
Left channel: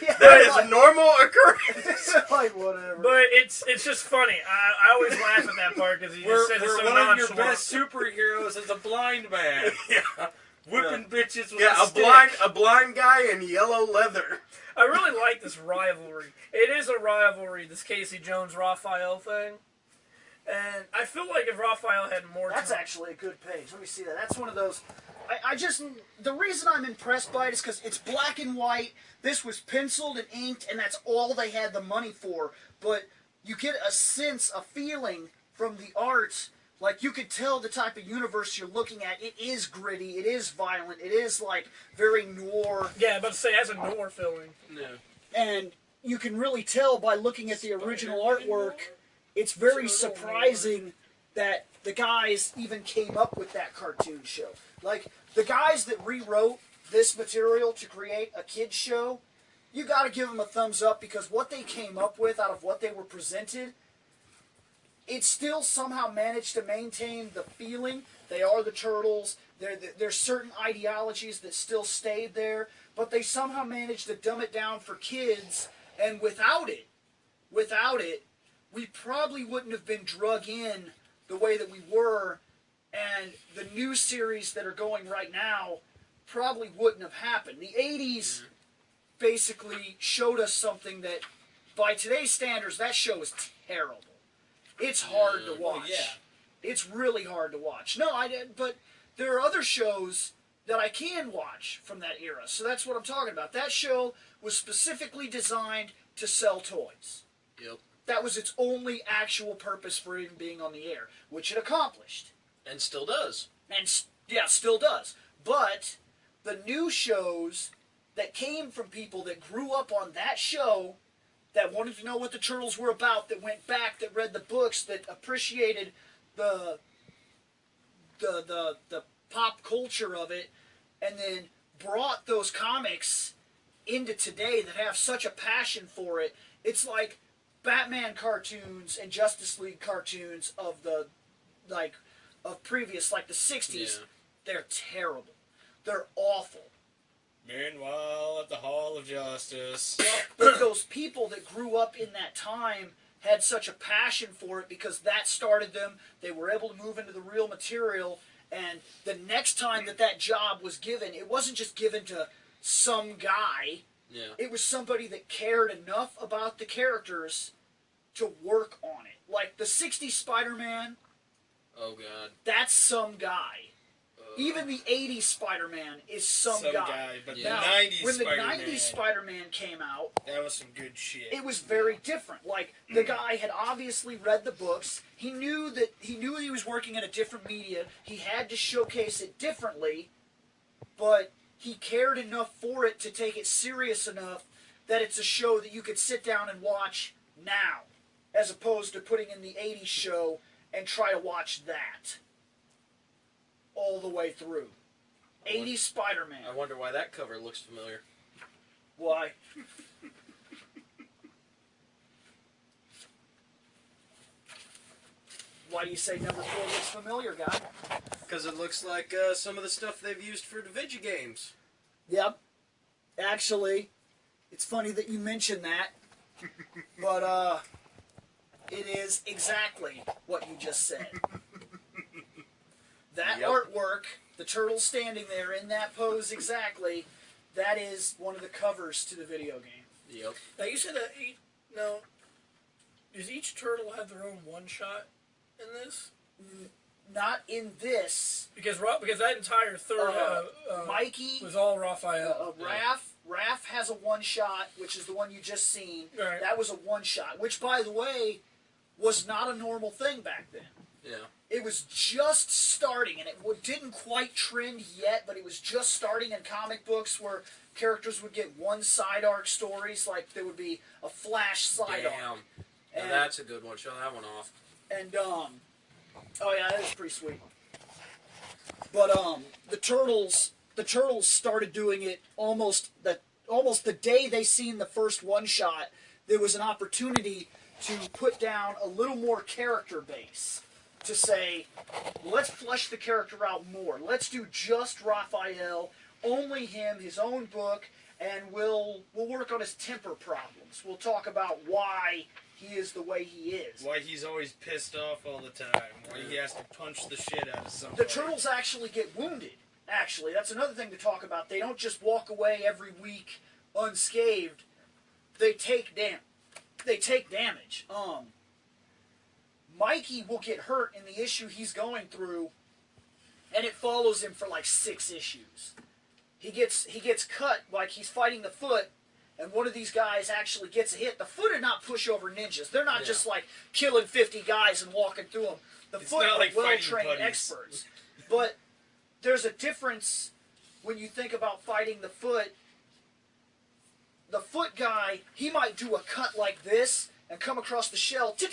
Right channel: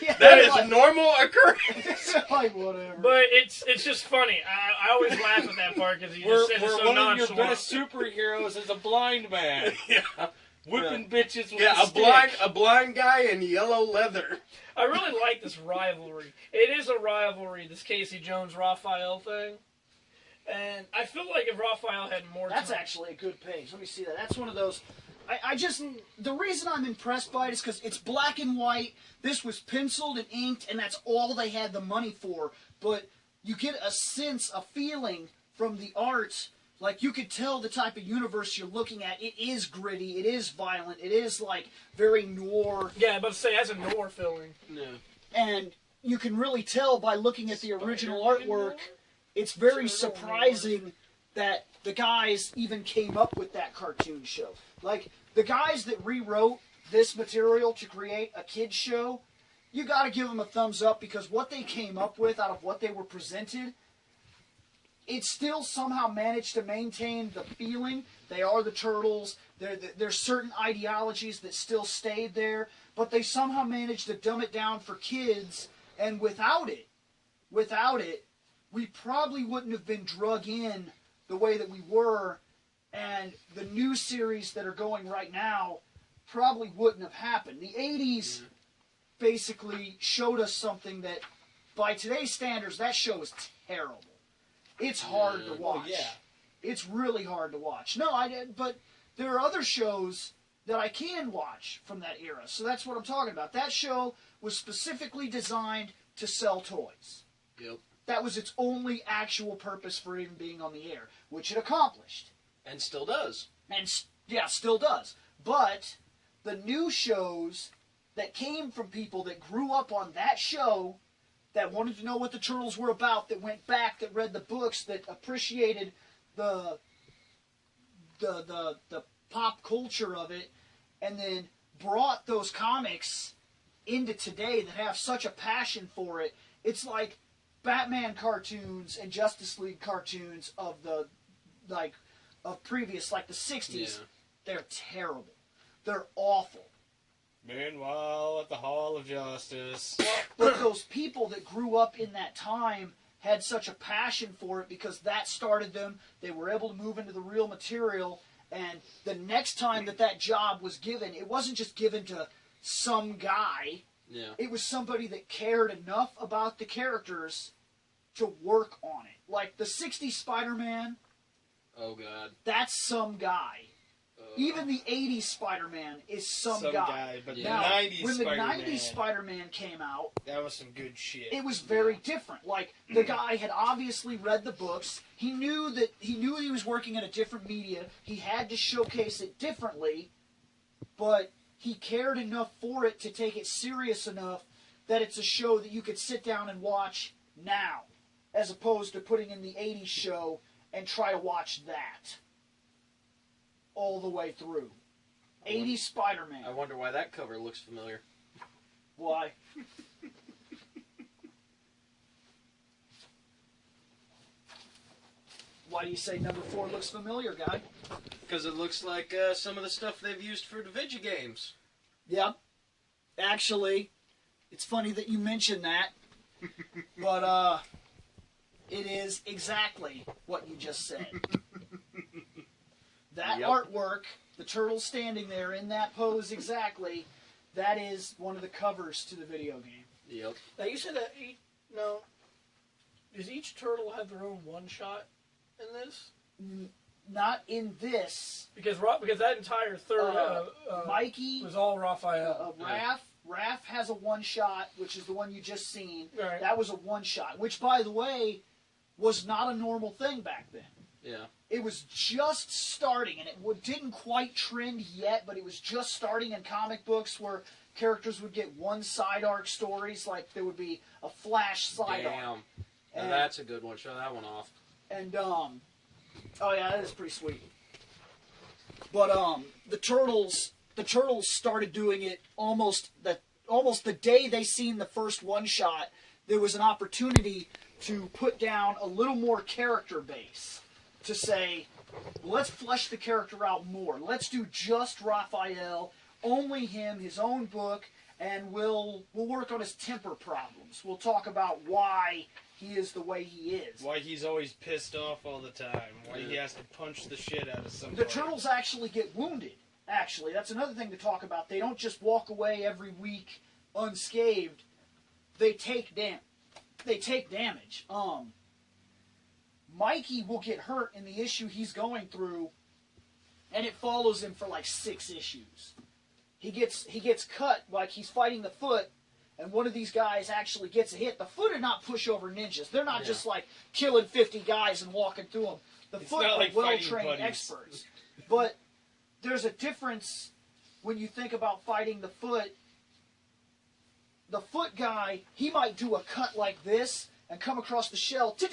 Yeah, That is like, a normal occurrence. like, whatever. But it's just funny. I always laugh at that part because he We're just says it so one of your nonchalant. best superheroes is a blind man. Yeah. Whipping bitches with Yeah, a stick. a blind guy in yellow leather. I really like this rivalry. It is a rivalry, this Casey Jones-Raphael thing. And I feel like if Raphael had more That's time... actually a good page. Let me see that. That's one of those... The reason I'm impressed by it is because it's black and white. This was penciled and inked, and that's all they had the money for. But you get a sense, a feeling from the art. Like, you could tell the type of universe you're looking at. It is gritty. It is violent. It is, like, very noir. Yeah, but say, it has a noir feeling. No. And you can really tell by looking at the original artwork, it's very surprising that the guys even came up with that cartoon show. Like, the guys that rewrote this material to create a kid's show, you gotta give them a thumbs up because what they came up with out of what they were presented, it still somehow managed to maintain the feeling. They are the Turtles. There's certain ideologies that still stayed there, but they somehow managed to dumb it down for kids, and without it, we probably wouldn't have been drug in the way that we were and the new series that are going right now probably wouldn't have happened. The 80s basically showed us something that, by today's standards, that show is terrible. It's hard to watch. Well, yeah. It's really hard to watch. No, I did, but there are other shows that I can watch from that era. So that's what I'm talking about. That show was specifically designed to sell toys. Yep. That was its only actual purpose for even being on the air, which it accomplished. And still does. And, yeah, still does. But the new shows that came from people that grew up on that show, that wanted to know what the Turtles were about, that went back, that read the books, that appreciated the pop culture of it, and then brought those comics into today that have such a passion for it. It's like Batman cartoons and Justice League cartoons of previous, like the 60s. Yeah. They're terrible. They're awful. Meanwhile, at the Hall of Justice. But those people that grew up in that time had such a passion for it because that started them. They were able to move into the real material. And the next time that job was given, it wasn't just given to some guy. Yeah. It was somebody that cared enough about the characters to work on it. Like the 60s Spider-Man, Oh, God. that's some guy. Even the 80s Spider-Man is some guy. But the Now, 90s when the Spider-Man, 90s Spider-Man came out, that was some good shit. it was very different. Like, the guy had obviously read the books. He knew he was working in a different media. He had to showcase it differently, but he cared enough for it to take it serious enough that it's a show that you could sit down and watch now, as opposed to putting in the 80s show and try to watch that all the way through. 80s Spider-Man. I wonder why that cover looks familiar. Why? Why do you say number 4 looks familiar, guy? Because it looks like some of the stuff they've used for Davigi games. Yep. Actually, it's funny that you mentioned that, but it is exactly what you just said. That Yep. artwork, the turtle standing there in that pose exactly, that is one of the covers to the video game. Yep. Now you said that does each turtle have their own one shot in this? Not in this. Because that entire third Mikey, was all Raphael. Raph has a one-shot, which is the one you just seen. Right. That was a one-shot, which, by the way, was not a normal thing back then. Yeah. It was just starting, and it didn't quite trend yet, but it was just starting in comic books where characters would get one side arc stories, like there would be a Flash side arc. Damn. And- That's a good one. Show that one off. And, oh yeah, that is pretty sweet. But, the Turtles started doing it almost the day they seen the first one-shot. There was an opportunity to put down a little more character base. To say, well, let's flesh the character out more. Let's do just Raphael, only him, his own book, and we'll work on his temper problems. We'll talk about why he is the way he is. Why he's always pissed off all the time. Why he has to punch the shit out of somebody. The Turtles actually get wounded. Actually, that's another thing to talk about. They don't just walk away every week unscathed. They take damage. Mikey will get hurt in the issue he's going through, and it follows him for like 6 issues. He gets cut like he's fighting the Foot, and one of these guys actually gets a hit. The Foot are not pushover ninjas. They're not just like killing 50 guys and walking through them. The Foot not are like well-trained fighting buddies. experts. But there's a difference when you think about fighting the Foot. The Foot guy, he might do a cut like this and come across the shell, ting,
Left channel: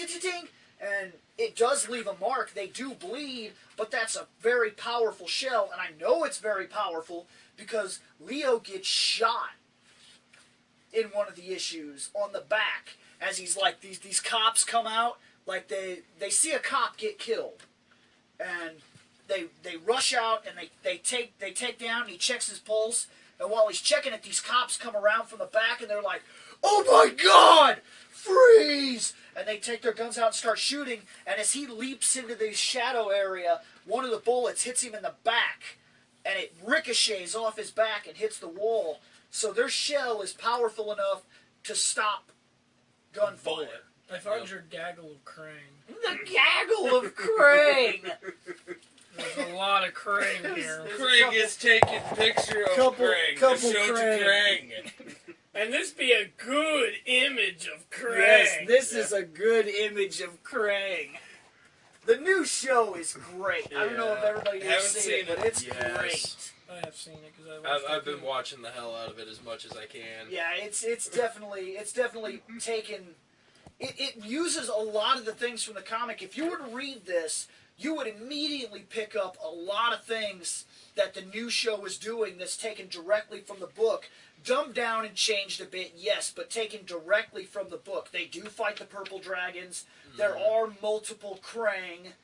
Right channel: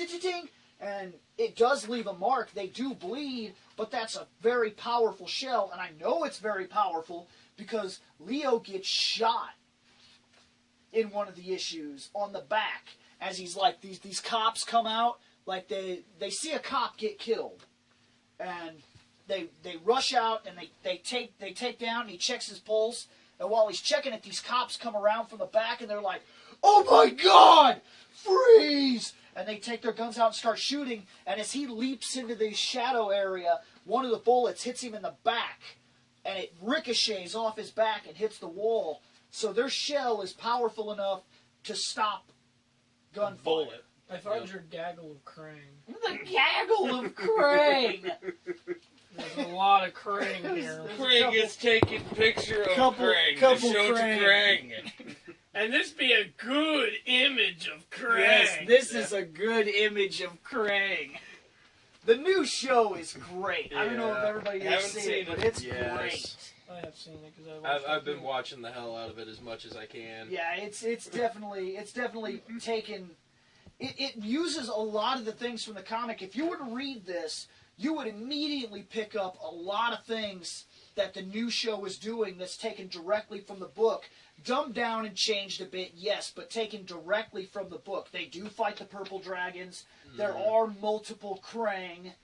and it does leave a mark. They do bleed, but that's a very powerful shell, and I know it's very powerful because Leo gets shot in one of the issues on the back as he's like, these cops come out, like they see a cop get killed, and they rush out and they take down, and he checks his pulse, and while he's checking it, these cops come around from the back, and they're like, "Oh my God, freeze!" And they take their guns out and start shooting, and as he leaps into the shadow area, one of the bullets hits him in the back, and it ricochets off his back and hits the wall. So their shell is powerful enough to stop gunfire. Bullet. I found your gaggle of Krang. The gaggle of Krang! There's a lot of Krang here. Krang is taking picture of Krang. couple Show Krang. Krang. And this be a good image of Krang. Yes, this is a good image of Krang. The new show is great. I don't know if everybody has Haven't seen it, but it's Yes. great. I have seen it because I watched I've been watching the hell out of it as much as I can. Yeah, it's definitely taken. It uses a lot of the things from the comic. If you were to read this, you would immediately pick up a lot of things that the new show is doing that's taken directly from the book. Dumbed down and changed a bit, yes, but taken directly from the book. They do fight the purple dragons. There are multiple Krang.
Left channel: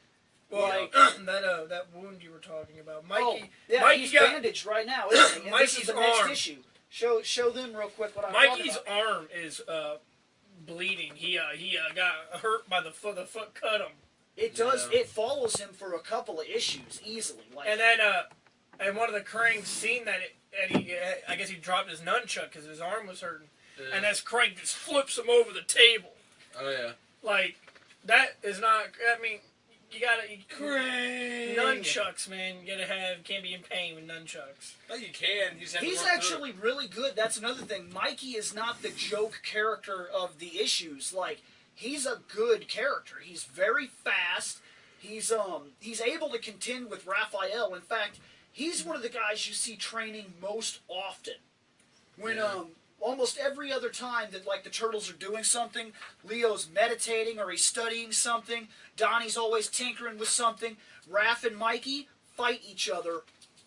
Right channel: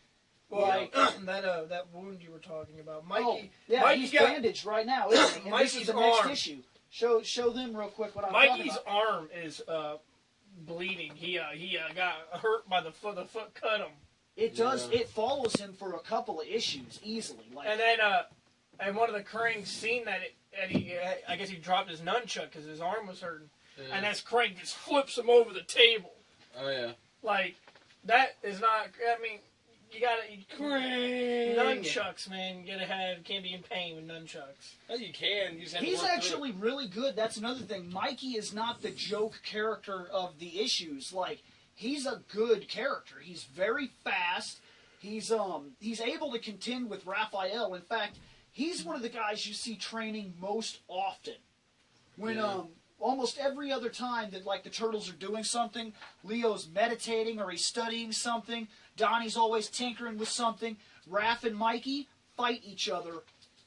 Like that wound you were talking about, Mikey. Yeah, Mikey he's got bandaged right now, isn't he? And this is Mikey's the next arm. issue. Show them real quick what I'm talking Mikey's about. arm is bleeding. He got hurt by the foot. The foot cut him. It does. It follows him for a couple of issues easily. Like, And then and one of the Krang seen that, and I guess he dropped his nunchuck because his arm was hurting. Yeah. And as Krang just flips him over the table. Oh yeah. Like, that is not. I mean, you gotta Krang. nunchucks, man. You gotta have. Can't be in pain with nunchucks. Oh, you can. You just have to he's work actually really good. That's another thing. Mikey is not the joke character of the issues. Like, he's a good character. He's very fast. He's able to contend with Raphael. In fact, he's one of the guys you see training most often. When almost every other time that like the Turtles are doing something, Leo's meditating or he's studying something. Donnie's always tinkering with something. Raph and Mikey fight each other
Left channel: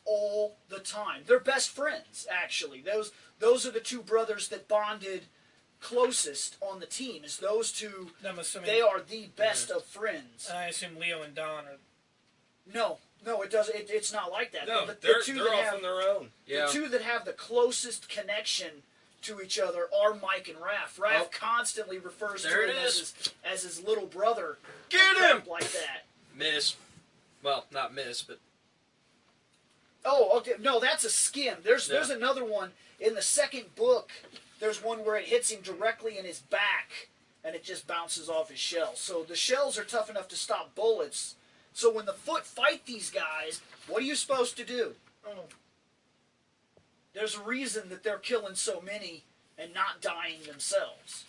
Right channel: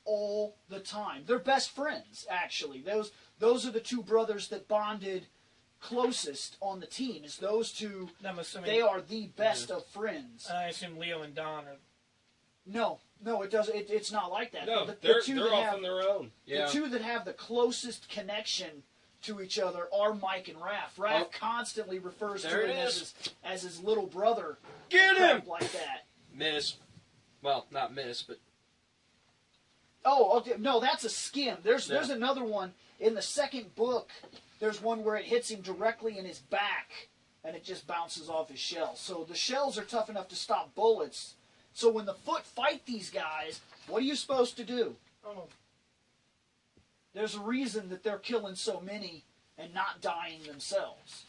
all the time. They're best friends, actually. Those are the two brothers that bonded closest on the team. Is those two? I'm assuming They are the best of friends. I assume Leo and Don are. No, it doesn't. It's not like that. No, the two they're that off have, on their own. Yeah. The two that have the closest connection to each other are Mike and Raph. Raph constantly refers to There him it is. as his little brother. Get him! Crap like that. Miss. Well, not miss, but Oh, okay. No, that's a skim. There's another one in the second book. There's one where it hits him directly in his back, and it just bounces off his shell. So the shells are tough enough to stop bullets. So when the Foot fight these guys, what are you supposed to do? Oh. There's a reason that they're killing so many and not dying themselves.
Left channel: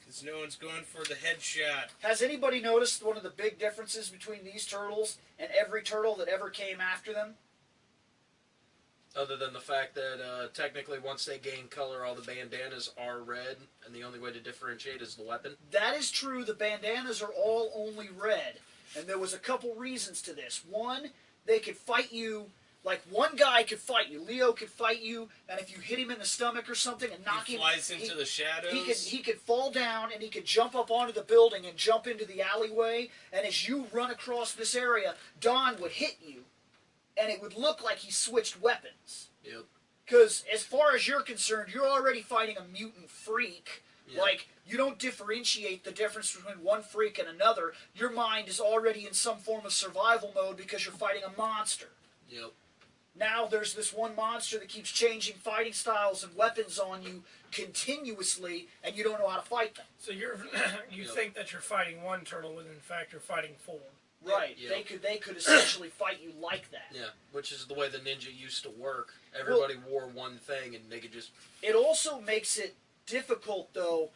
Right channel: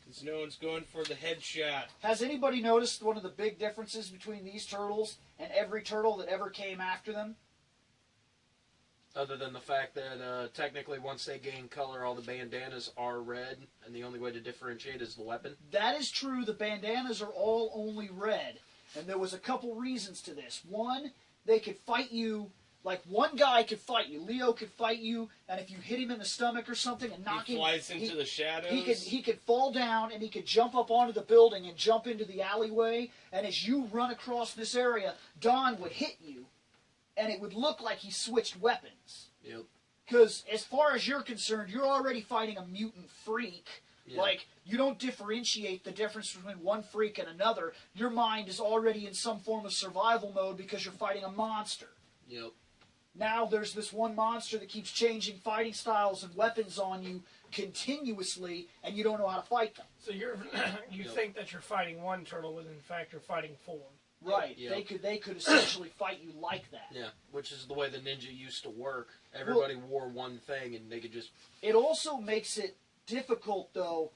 Because no one's going for the headshot. Has anybody noticed one of the big differences between these turtles and every turtle that ever came after them? other than the fact that technically once they gain color, all the bandanas are red, and the only way to differentiate is the weapon. That is true. The bandanas are all only red. And there was a couple reasons to this. One, they could fight you, like one guy could fight you. Leo could fight you, and if you hit him in the stomach or something and knock He him... flies into the shadows. He could fall down, and he could jump up onto the building and jump into the alleyway, and as you run across this area, Don would hit you, and it would look like he switched weapons. Yep. Because as far as you're concerned, you're already fighting a mutant freak. Yeah. Like, you don't differentiate the difference between one freak and another. Your mind is already in some form of survival mode because you're fighting a monster. Yep. Now there's this one monster that keeps changing fighting styles and weapons on you continuously, and you don't know how to fight them. So you think that you're fighting one turtle, when in fact you're fighting four. Right. Yeah. They could essentially fight you like that. Yeah, which is the way the ninja used to work. Everybody wore one thing, and they could just... It also makes it difficult, though,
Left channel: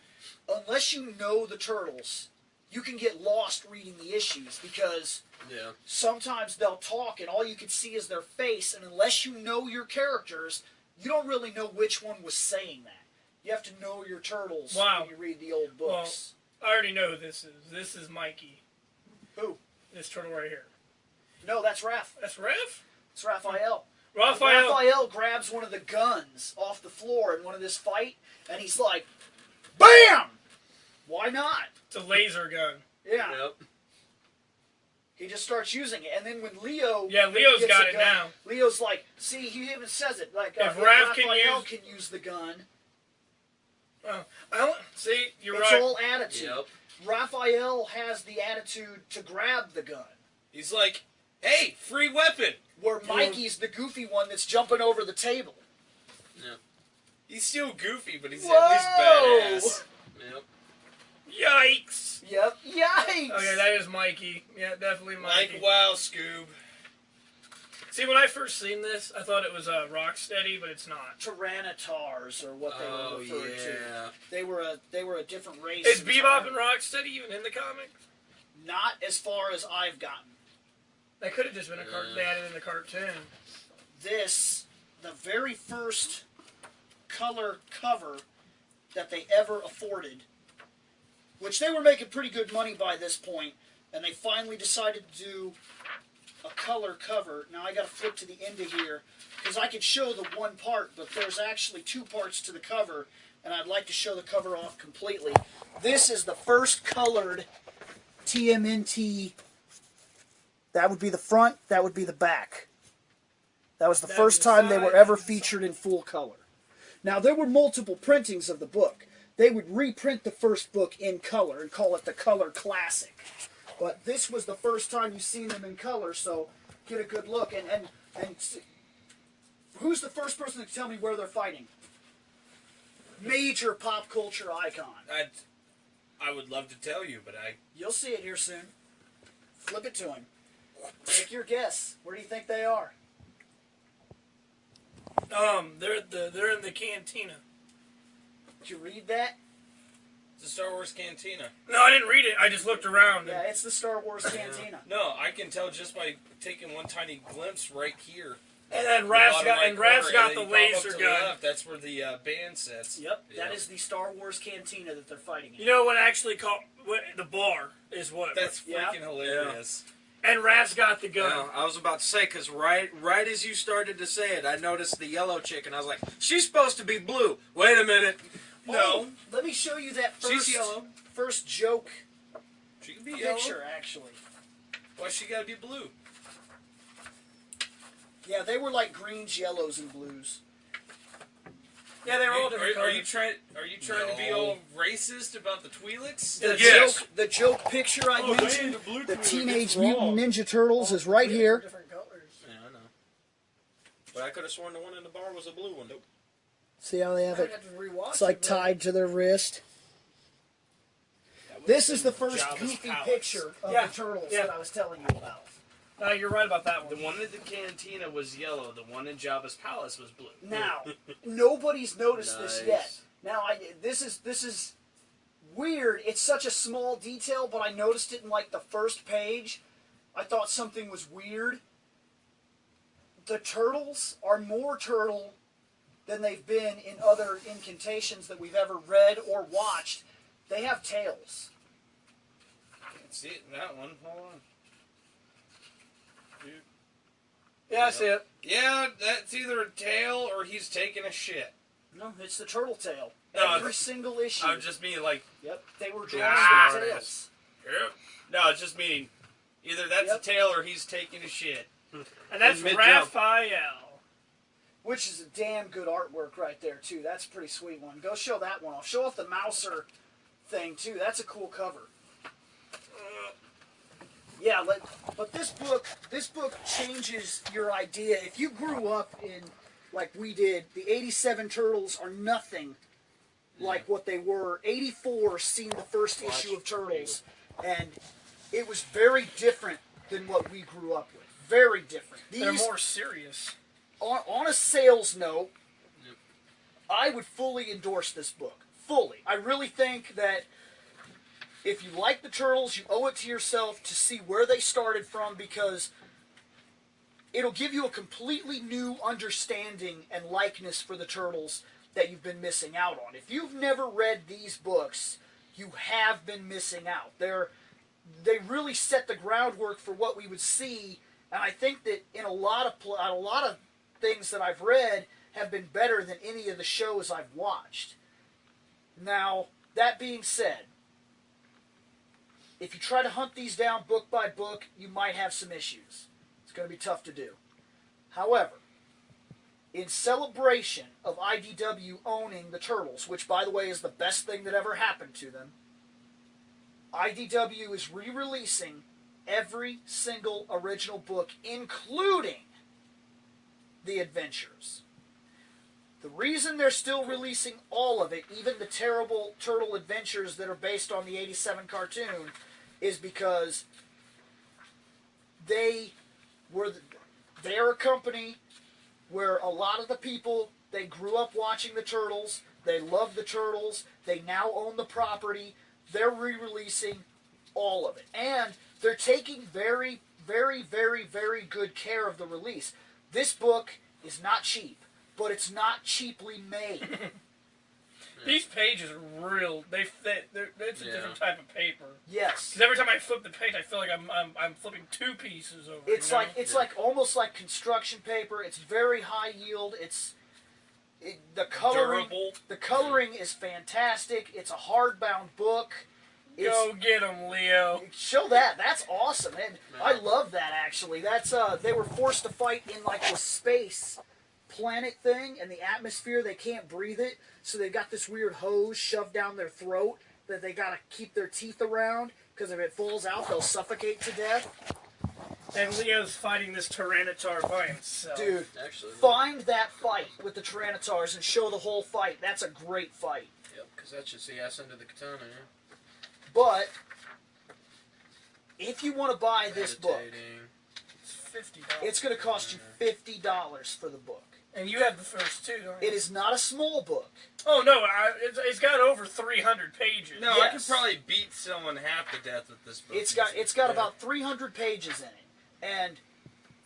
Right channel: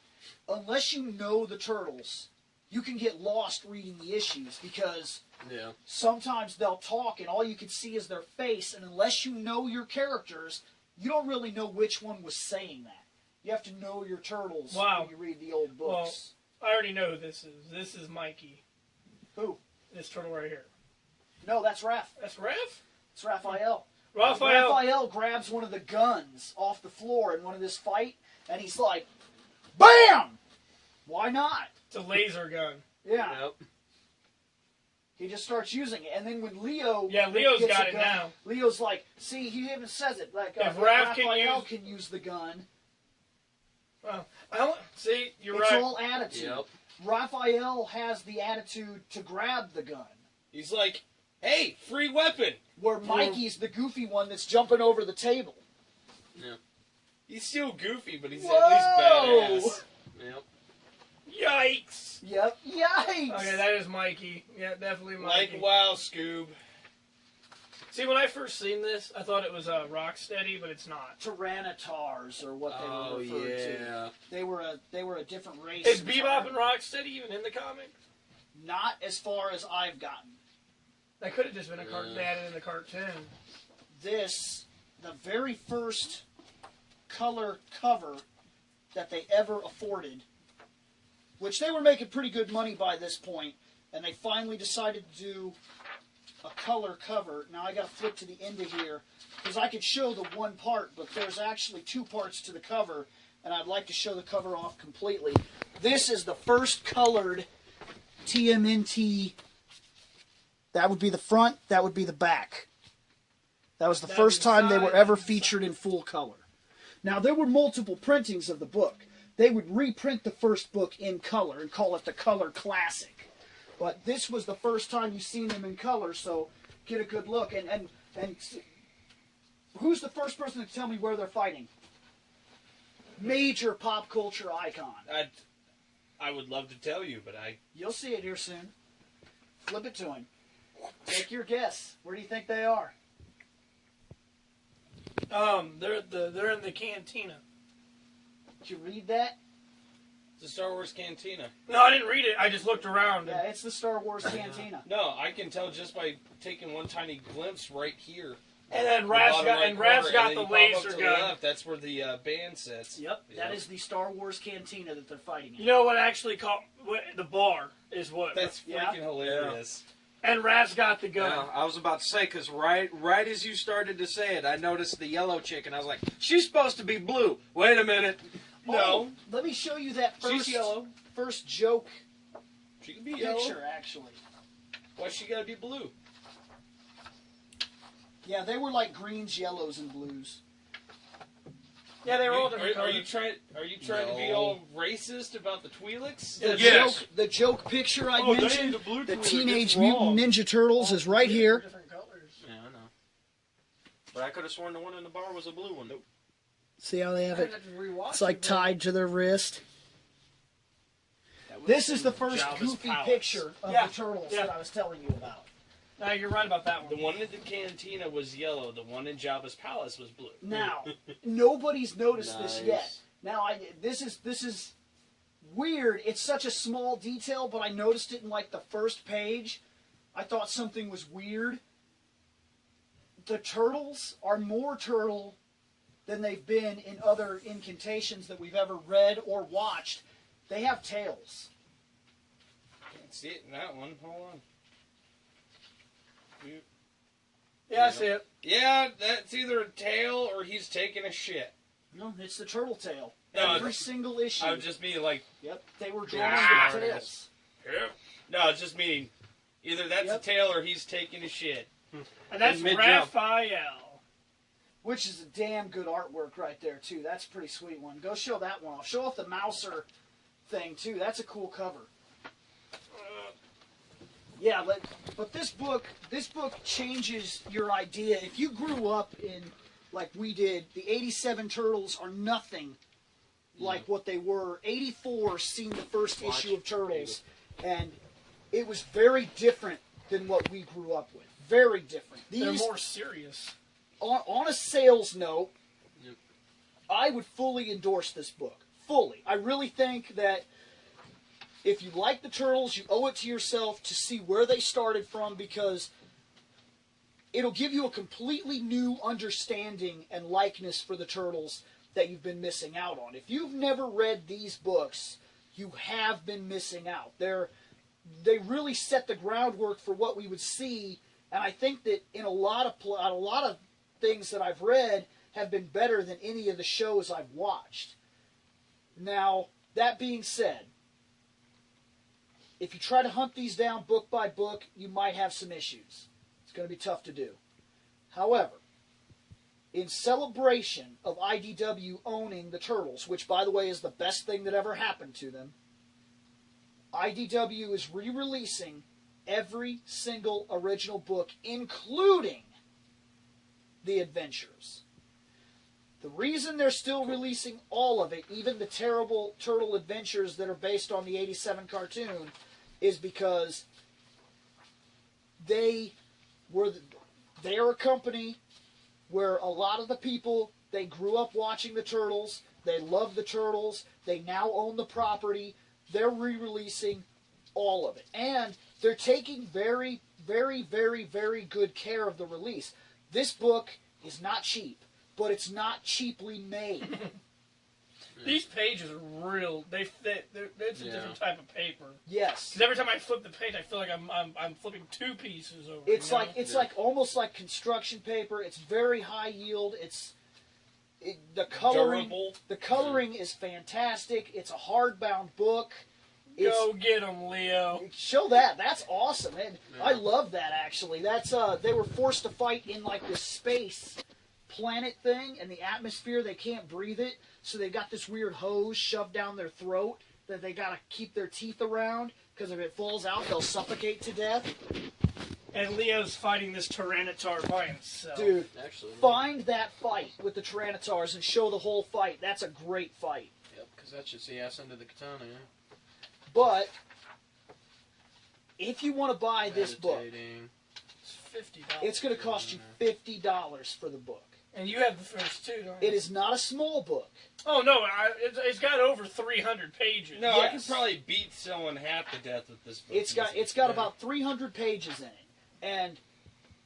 unless you know the turtles. You can get lost reading the issues because Yeah. sometimes they'll talk and all you can see is their face, and unless you know your characters, you don't really know which one was saying that. You have to know your turtles Wow. when you read the old books. I already know who this is. This is Mikey. Who? This turtle right here. No, that's Raph. That's Raph? It's Raphael. Raphael. Raphael grabs one of the guns off the floor in one of this fight, and he's like, BAM! Why not? It's a laser gun. Yeah. Yep. He just starts using it, and then when Leo Leo's gets got a it gun, now. Leo's like, see, he even says it, like, If if Raph can Raphael can use the gun, Well, see, you're it's right. all attitude. Yep. Raphael has the attitude to grab the gun. He's like Hey, free weapon. where Mikey's the goofy one that's jumping over the table. He's still goofy, but he's at least badass. Yep. Yikes! Yep. Yikes! Okay, that is Mikey. Yeah, definitely Mikey. Like wow, Scoob. See, when I first seen this, I thought it was Rocksteady, but it's not. Tyrannotars, or what they were referred to. They were a different race. Is Bebop and Rocksteady even in the comic? Not as far as I've gotten. That could have just been a cartoon. They added in the cartoon. This, the very first color cover that they ever afforded, which they were making pretty good money by this point, and they finally decided to do a color cover. Now I got to flip to the end of here because I could show the one part, but there's actually two parts to the cover, and I'd like to show the cover off completely. This is the first colored TMNT. That would be the front, that would be the back. That was the first time they were ever featured in full color. Now, there were multiple printings of the book. They would reprint the first book in color and call it the Color Classic. But this was the first time you've seen them in color, so get a good look. And who's the first person to tell me where they're fighting? Major pop culture icon. I would love to tell you, but You'll see it here soon. Flip it to him. Take your guess. Where do you think they are? They're in the cantina. Did you read that? It's the Star Wars Cantina. No, I didn't read it. I just looked around. Yeah, it's the Star Wars Cantina. No, I can tell just by taking one tiny glimpse right here. And then Raph's got the laser gun. Left, that's where the band sits. Yep, that is the Star Wars Cantina that they're fighting in. You know what actually caught the bar is what? That's freaking hilarious. And Raph's got the gun. Yeah, I was about to say, because right as you started to say it, I noticed the yellow chick, and I was like, she's supposed to be blue. Wait a minute. Oh, No. let me show you that She's yellow. first joke She could be yellow. picture, actually. Why she gotta be blue? Yeah, they were like greens, yellows, and blues. Yeah, they were all different Are you colors. trying to be all racist about the Twi'leks? The joke picture I mentioned, the Teenage Mutant Ninja Turtles, is right here. Different colors. Yeah, I know. But I could have sworn the one in the bar was a blue one. Nope. See how they have I'd it? have to rewatch It's like it, but- tied to their wrist. This is the first Jabba's goofy palace. picture of Yeah. the turtles Yeah. that I was telling you about. You're right about that one. The one in the cantina was yellow. The one in Jabba's palace was blue. Now, nobody's noticed this yet. Nice. Now, this is weird. It's such a small detail, but I noticed it in like the first page. I thought something was weird. The turtles are more turtle than they've been in other incantations that we've ever read or watched. They have tails. Can't see it in that one. Hold on. Yeah, I see it. Yeah, that's either a tail or he's taking a shit. No, it's the turtle tail. No, Every single issue. I was just meaning like, Yep, they were drawing Ah, their there it tails. no, it's just meaning either that's Yep. a tail or he's taking a shit. And that's Mid-jump. Raphael. Which is a damn good artwork right there, too. That's a pretty sweet one. Go show that one off. Show off the Mouser thing, too. That's a cool cover. Yeah, but this book changes your idea. If you grew up in, like we did, the 87 Turtles are nothing like what they were. 84 seen the first issue of Turtles, and it was very different than what we grew up with. Very different. They're more serious. On a sales note, I would fully endorse this book. Fully. I really think that if you like the Turtles, you owe it to yourself to see where they started from, because it'll give you a completely new understanding and likeness for the Turtles that you've been missing out on. If you've never read these books, you have been missing out. They really set the groundwork for what we would see, and I think that in a lot of things that I've read have been better than any of the shows I've watched. Now, that being said, if you try to hunt these down book by book, you might have some issues. It's going to be tough to do. However, in celebration of IDW owning the Turtles, which, by the way, is the best thing that ever happened to them, IDW is re-releasing every single original book, including the adventures. The reason they're still releasing all of it, even the terrible Turtle Adventures that are based on the 87 cartoon, is because they are a company where a lot of the people, they grew up watching the Turtles, they love the Turtles, they now own the property, they're re-releasing all of it. And they're taking very, very, very, very good care of the release. This book is not cheap, but it's not cheaply made. These pages are real. They fit. It's a different type of paper. Yes. Because every time I flip the page, I feel like I'm flipping two pieces over. It's like almost like construction paper. It's very high yield. The coloring. Durable. The coloring is fantastic. It's a hardbound book. Go get them, Leo. Show that. That's awesome. I love that actually. That's they were forced to fight in like a space planet thing, and the atmosphere, they can't breathe it, so they've got this weird hose shoved down their throat that they gotta keep their teeth around, because if it falls out, they'll suffocate to death. And Leo's fighting this Tyranitar by himself. Dude, Actually, find that fight with the Tyranitars and show the whole fight. That's a great fight. yeah, because that's just the ass end of the katana, yeah. But if you want to buy this book, Meditating. It's $50. it's going to cost you $50 for the book. And you have the first two, don't you? It is not a small book. Oh, no. It's got over 300 pages. No, I Yes. could probably beat someone half to death with this book. It's got about 300 pages in it, and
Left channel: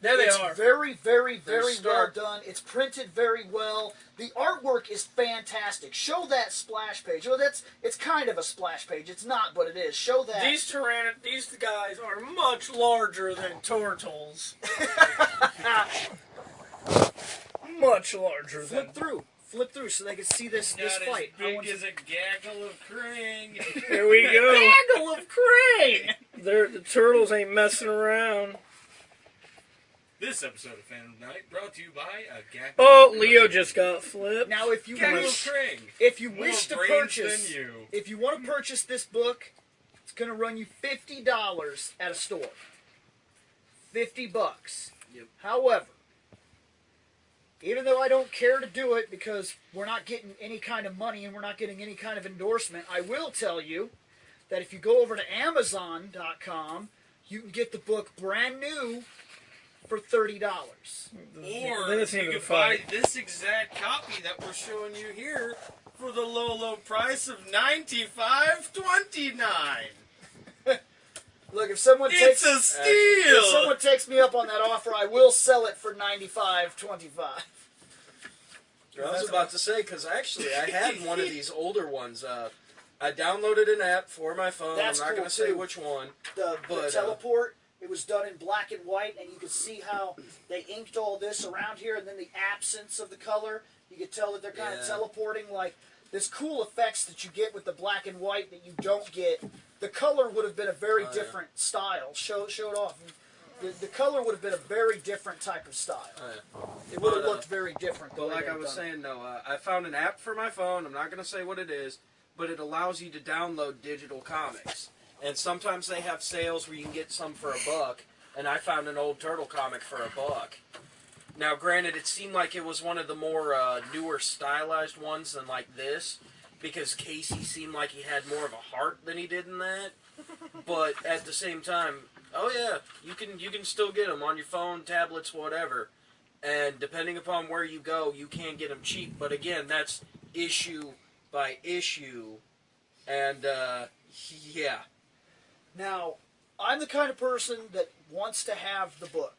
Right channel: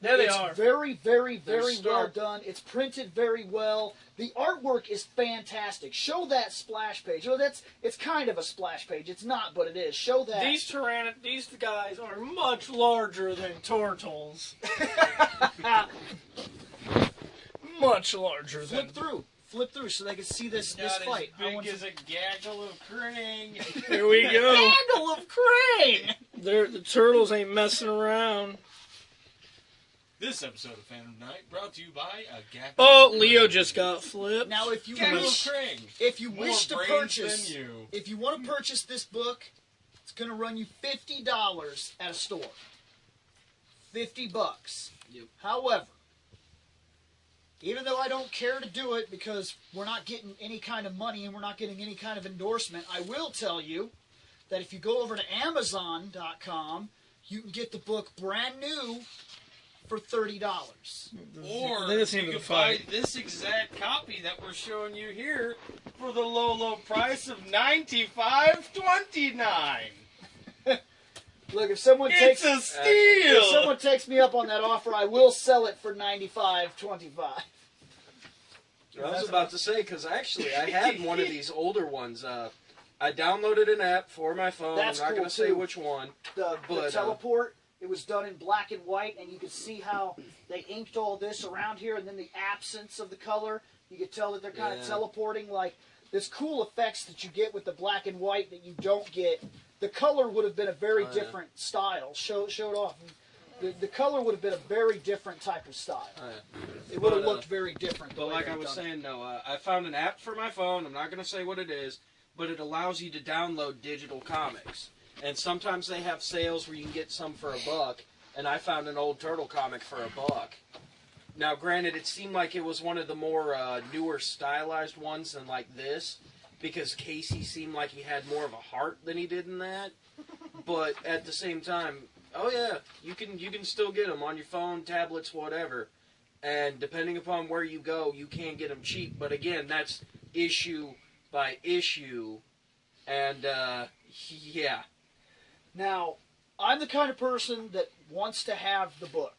There they it's are. very, very, very well stark. done. It's printed very well. The artwork is fantastic. Show that splash page. Oh, it's kind of a splash page. It's not, but it is. Show that. These guys are much larger than turtles. Much larger. Flip through, so they can see this Got fight. as big as a gaggle of Krang. There we go. Handle of Crane. The turtles ain't messing around. This episode of Fandom Knight brought to you by a gaggle. Oh, of Leo Krang. just got flipped. Now, if you Gaggle of wish, Krang. if you More wish to brains purchase, than you. if you want to purchase this book, it's going to run you $50 at a store. $50. Yep. However, even though I don't care to do it because we're not getting any kind of money and we're not getting any kind of endorsement, I will tell you that if you go over to Amazon.com, you can get the book brand new for $30. Or Then it's you into can the buy fight. this exact copy that we're showing you here for the low, low price of $95.29. Look, if someone It's a if steal. someone takes me up on that offer, I will sell it for $95.25. I was about to say, because actually I had one of these older ones. I downloaded an app for my phone. That's I'm not cool, going to say too. which one. The But, teleport, it was done in black and white, and you could see how they inked all this around here, and then the absence of the color, you could tell that they're kind of Yeah. teleporting. Like, there's cool effects that you get with the black and white that you don't get. The color would have been a very different style. Show it off. The color would have been a very different type of style. It would have looked very different. the But way like I they've was done it. saying, no, I found an app for my phone. I'm not going to say what it is, but it allows you to download digital comics. And sometimes they have sales where you can get some for $1, and I found an old turtle comic for $1. Now, granted, it seemed like it was one of the more newer stylized ones than like this, because Casey seemed like he had more of a heart than he did in that. But at the same time, oh yeah, you can still get them on your phone, tablets, whatever. And depending upon where you go, you can get them cheap. But again, that's issue by issue. And yeah. Now, I'm the kind of person that wants to have the book.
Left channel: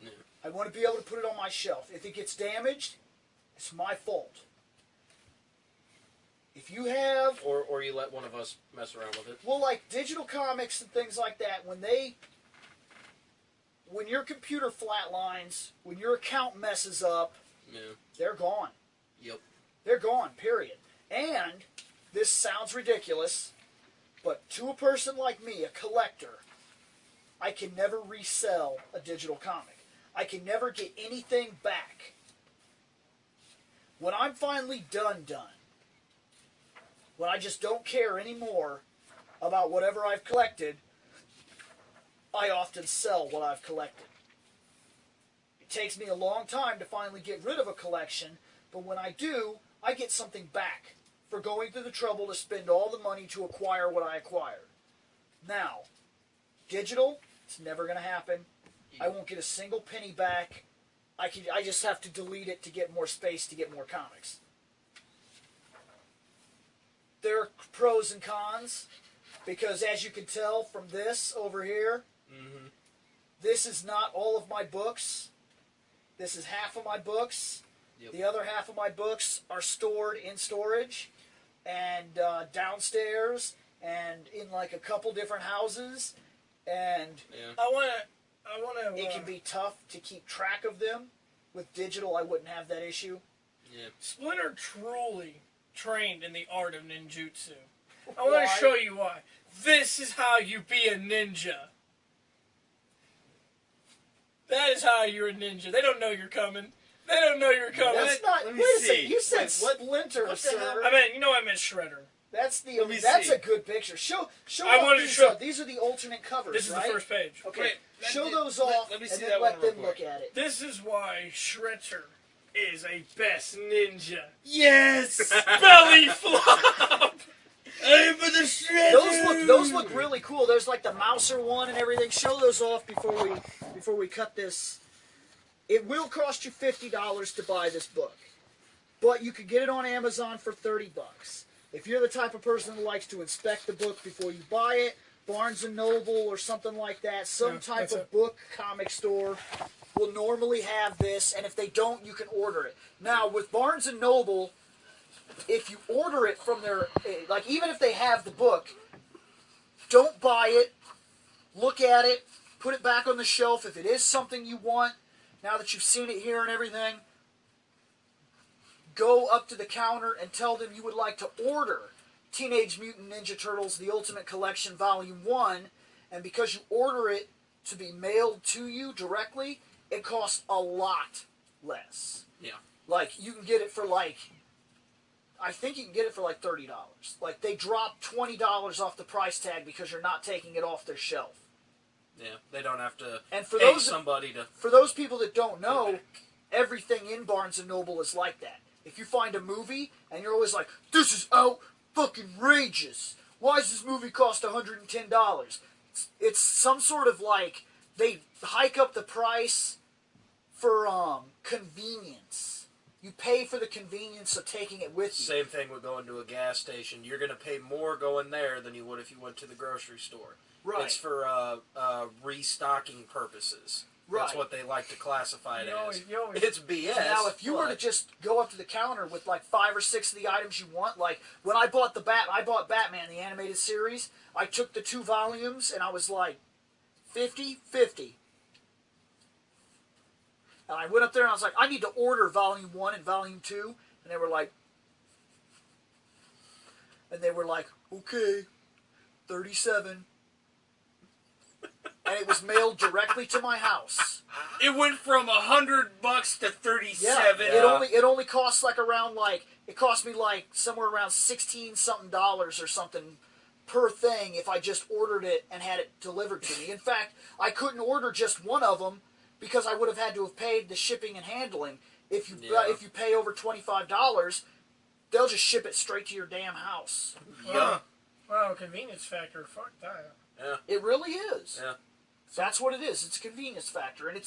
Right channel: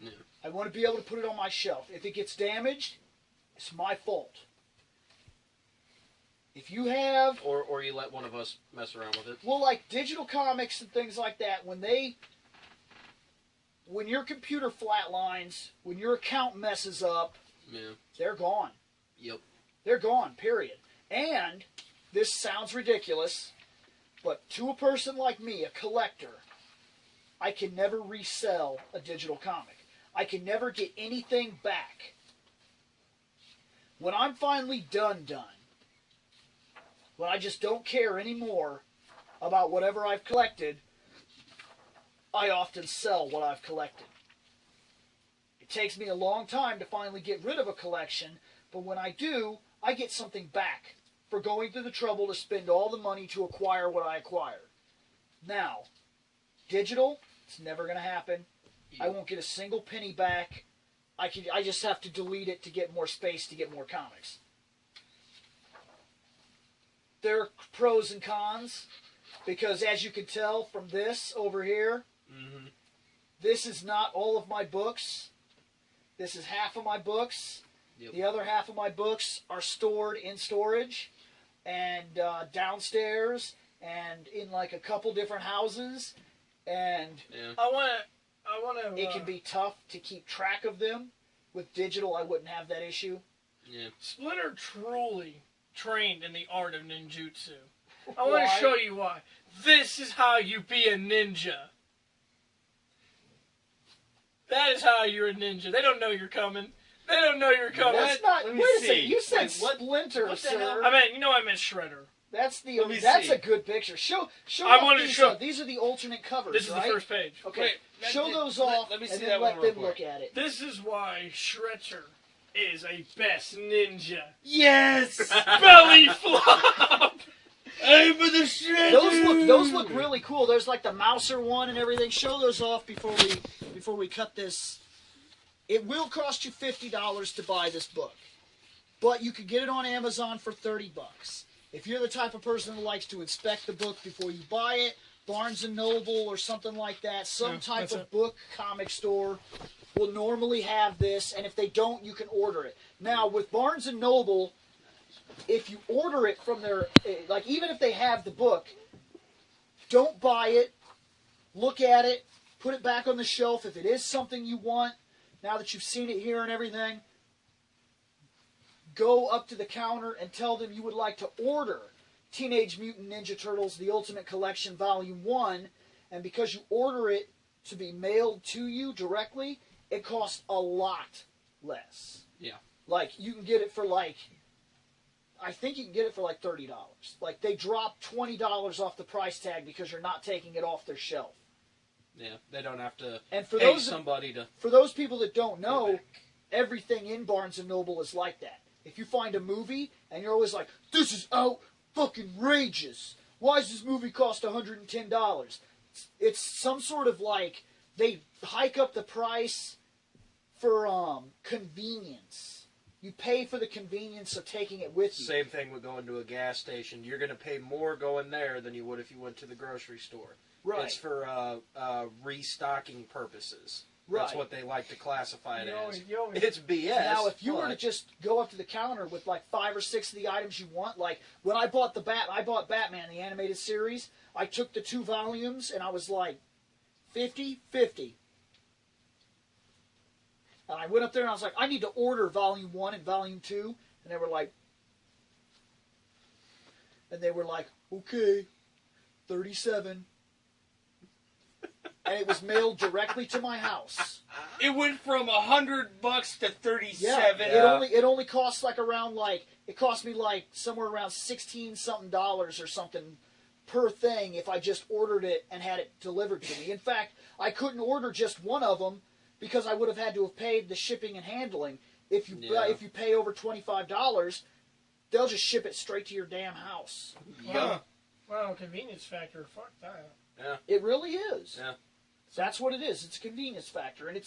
Yeah. I want to be able to put it on my shelf. If it gets damaged, it's my fault. If you have, Or you let one of us mess around with it. well, like digital comics and things like that, when your computer flatlines, when your account messes up, Yeah. they're gone. Yep. They're gone, period. And this sounds ridiculous, but to a person like me, a collector, I can never resell a digital comic. I can never get anything back. When I'm finally done, when I just don't care anymore about whatever I've collected, I often sell what I've collected. It takes me a long time to finally get rid of a collection, but when I do, I get something back for going through the trouble to spend all the money to acquire what I acquire. Now, digital, it's never going to happen. I won't get a single penny back. I just have to delete it to get more space to get more comics. There are pros and cons, because as you can tell from this over here, this is not all of my books. This is half of my books. Yep. The other half of my books are stored in storage and downstairs and in like a couple different houses. And I want to. it can be tough to keep track of them. With digital, I wouldn't have that issue. Yeah. Splinter truly trained in the art of ninjutsu. I want Why? to show you why. This is how you be a ninja. That is how you're a ninja. They don't know you're coming. They don't know you're coming. That's not. Let me Wait a see. second. You said What Splinter, the sir. hell? I meant Shredder. That's the. Let me That's see. a good picture. Show. I off wanted to these, show- These are the alternate covers, This is right? the first page. Okay. Wait, that show did- those let- off, let me see and then that let one them real look quick. at it. This is why Shredder is a best ninja. Yes! Belly flop! Aim for the shredder! Those look really cool. There's like the Mouser one and everything. Show those off before we cut this. It will cost you $50 to buy this book, but you could get it on Amazon for $30. If you're the type of person who likes to inspect the book before you buy it, Barnes & Noble or something like that, some Yeah, type that's of it. book comic store will normally have this, and if they don't, you can order it. Now, with Barnes & Noble, if you order it from their, like even if they have the book, don't buy it, look at it, put it back on the shelf. If it is something you want, now that you've seen it here and everything, go up to the counter and tell them you would like to order Teenage Mutant Ninja Turtles, The Ultimate Collection, Volume 1, and because you order it to be mailed to you directly, it costs a lot less. Yeah. Like, you can get it for like, I think you can get it for like $30. Like, they drop $20 off the price tag because you're not taking it off their shelf. Yeah. They don't have to And for pay those somebody to. For those people that don't know, everything in Barnes & Noble is like that. If you find a movie and you're always like, this is out-fucking-rageous. Why does this movie cost $110? It's some sort of like, they hike up the price for convenience. You pay for the convenience of taking it with you. Same thing with going to a gas station. You're going to pay more going there than you would if you went to the grocery store. Right. It's for restocking purposes. That's Right. what they like to classify it as. You always- It's BS. Now, if you were to just go up to the counter with like 5 or 6 of the items you want, like when I bought I bought Batman, the animated series, I took the 2 volumes and I was like, 50. And I went up there and I was like, I need to order Volume 1 and Volume 2. And they were like, okay, 37. And it was mailed directly to my house. It went from $100 to 37. Yeah. It only costs like around like, it cost me like somewhere around $16-something or something per thing if I just ordered it and had it delivered to me. In fact, I couldn't order just one of them because I would have had to have paid the shipping and handling. If you pay over $25, they'll just ship it straight to your damn house. Yeah. Well, convenience factor. Fuck that. It really is. Yeah. That's what it is. It's a convenience factor, and it's